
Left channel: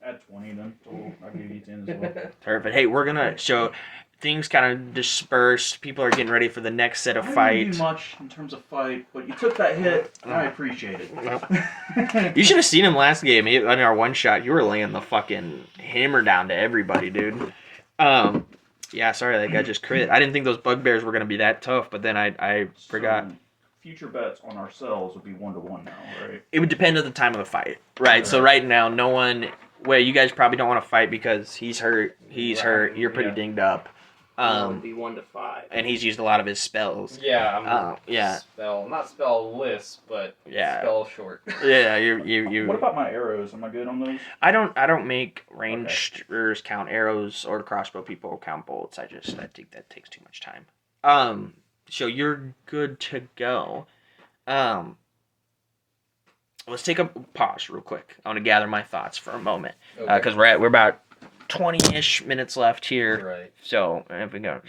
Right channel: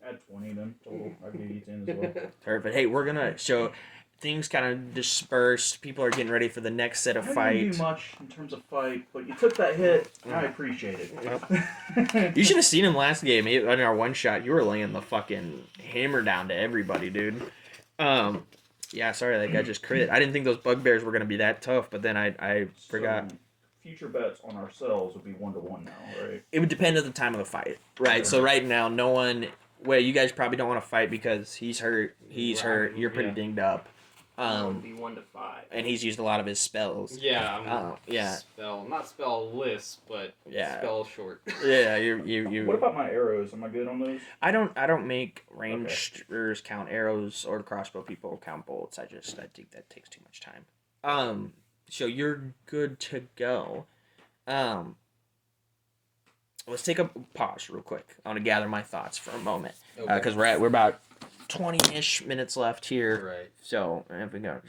Add 20 then. Total. I'll give you 10 as well. Perfect. Hey, we're gonna so things kind of dispersed. People are getting ready for the next set of I didn't fight. do much in terms of fight, but you took that hit, and I appreciate it. You should have seen him last game on our one shot. You were laying the fucking hammer down to everybody, dude. Yeah, sorry that guy just crit. I didn't think those bugbears were gonna be that tough, but then I forgot. So, future bets on ourselves would be 1-to-1 now, right? It would depend on the time of the fight, right? So right now, no one. Well, you guys probably don't want to fight because he's hurt. He's hurt. You're pretty dinged up. That would be 1 to 5. And he's used a lot of his spells. Yeah, I'm yeah. not spell-less, but Yeah. spell short. Yeah, you. What about my arrows? Am I good on those? I don't make rangers count arrows or crossbow people count bolts. I think that takes too much time. So you're good to go. Let's take a pause real quick. I want to gather my thoughts for a moment because we're about 20-ish minutes left here. Right. So if we go,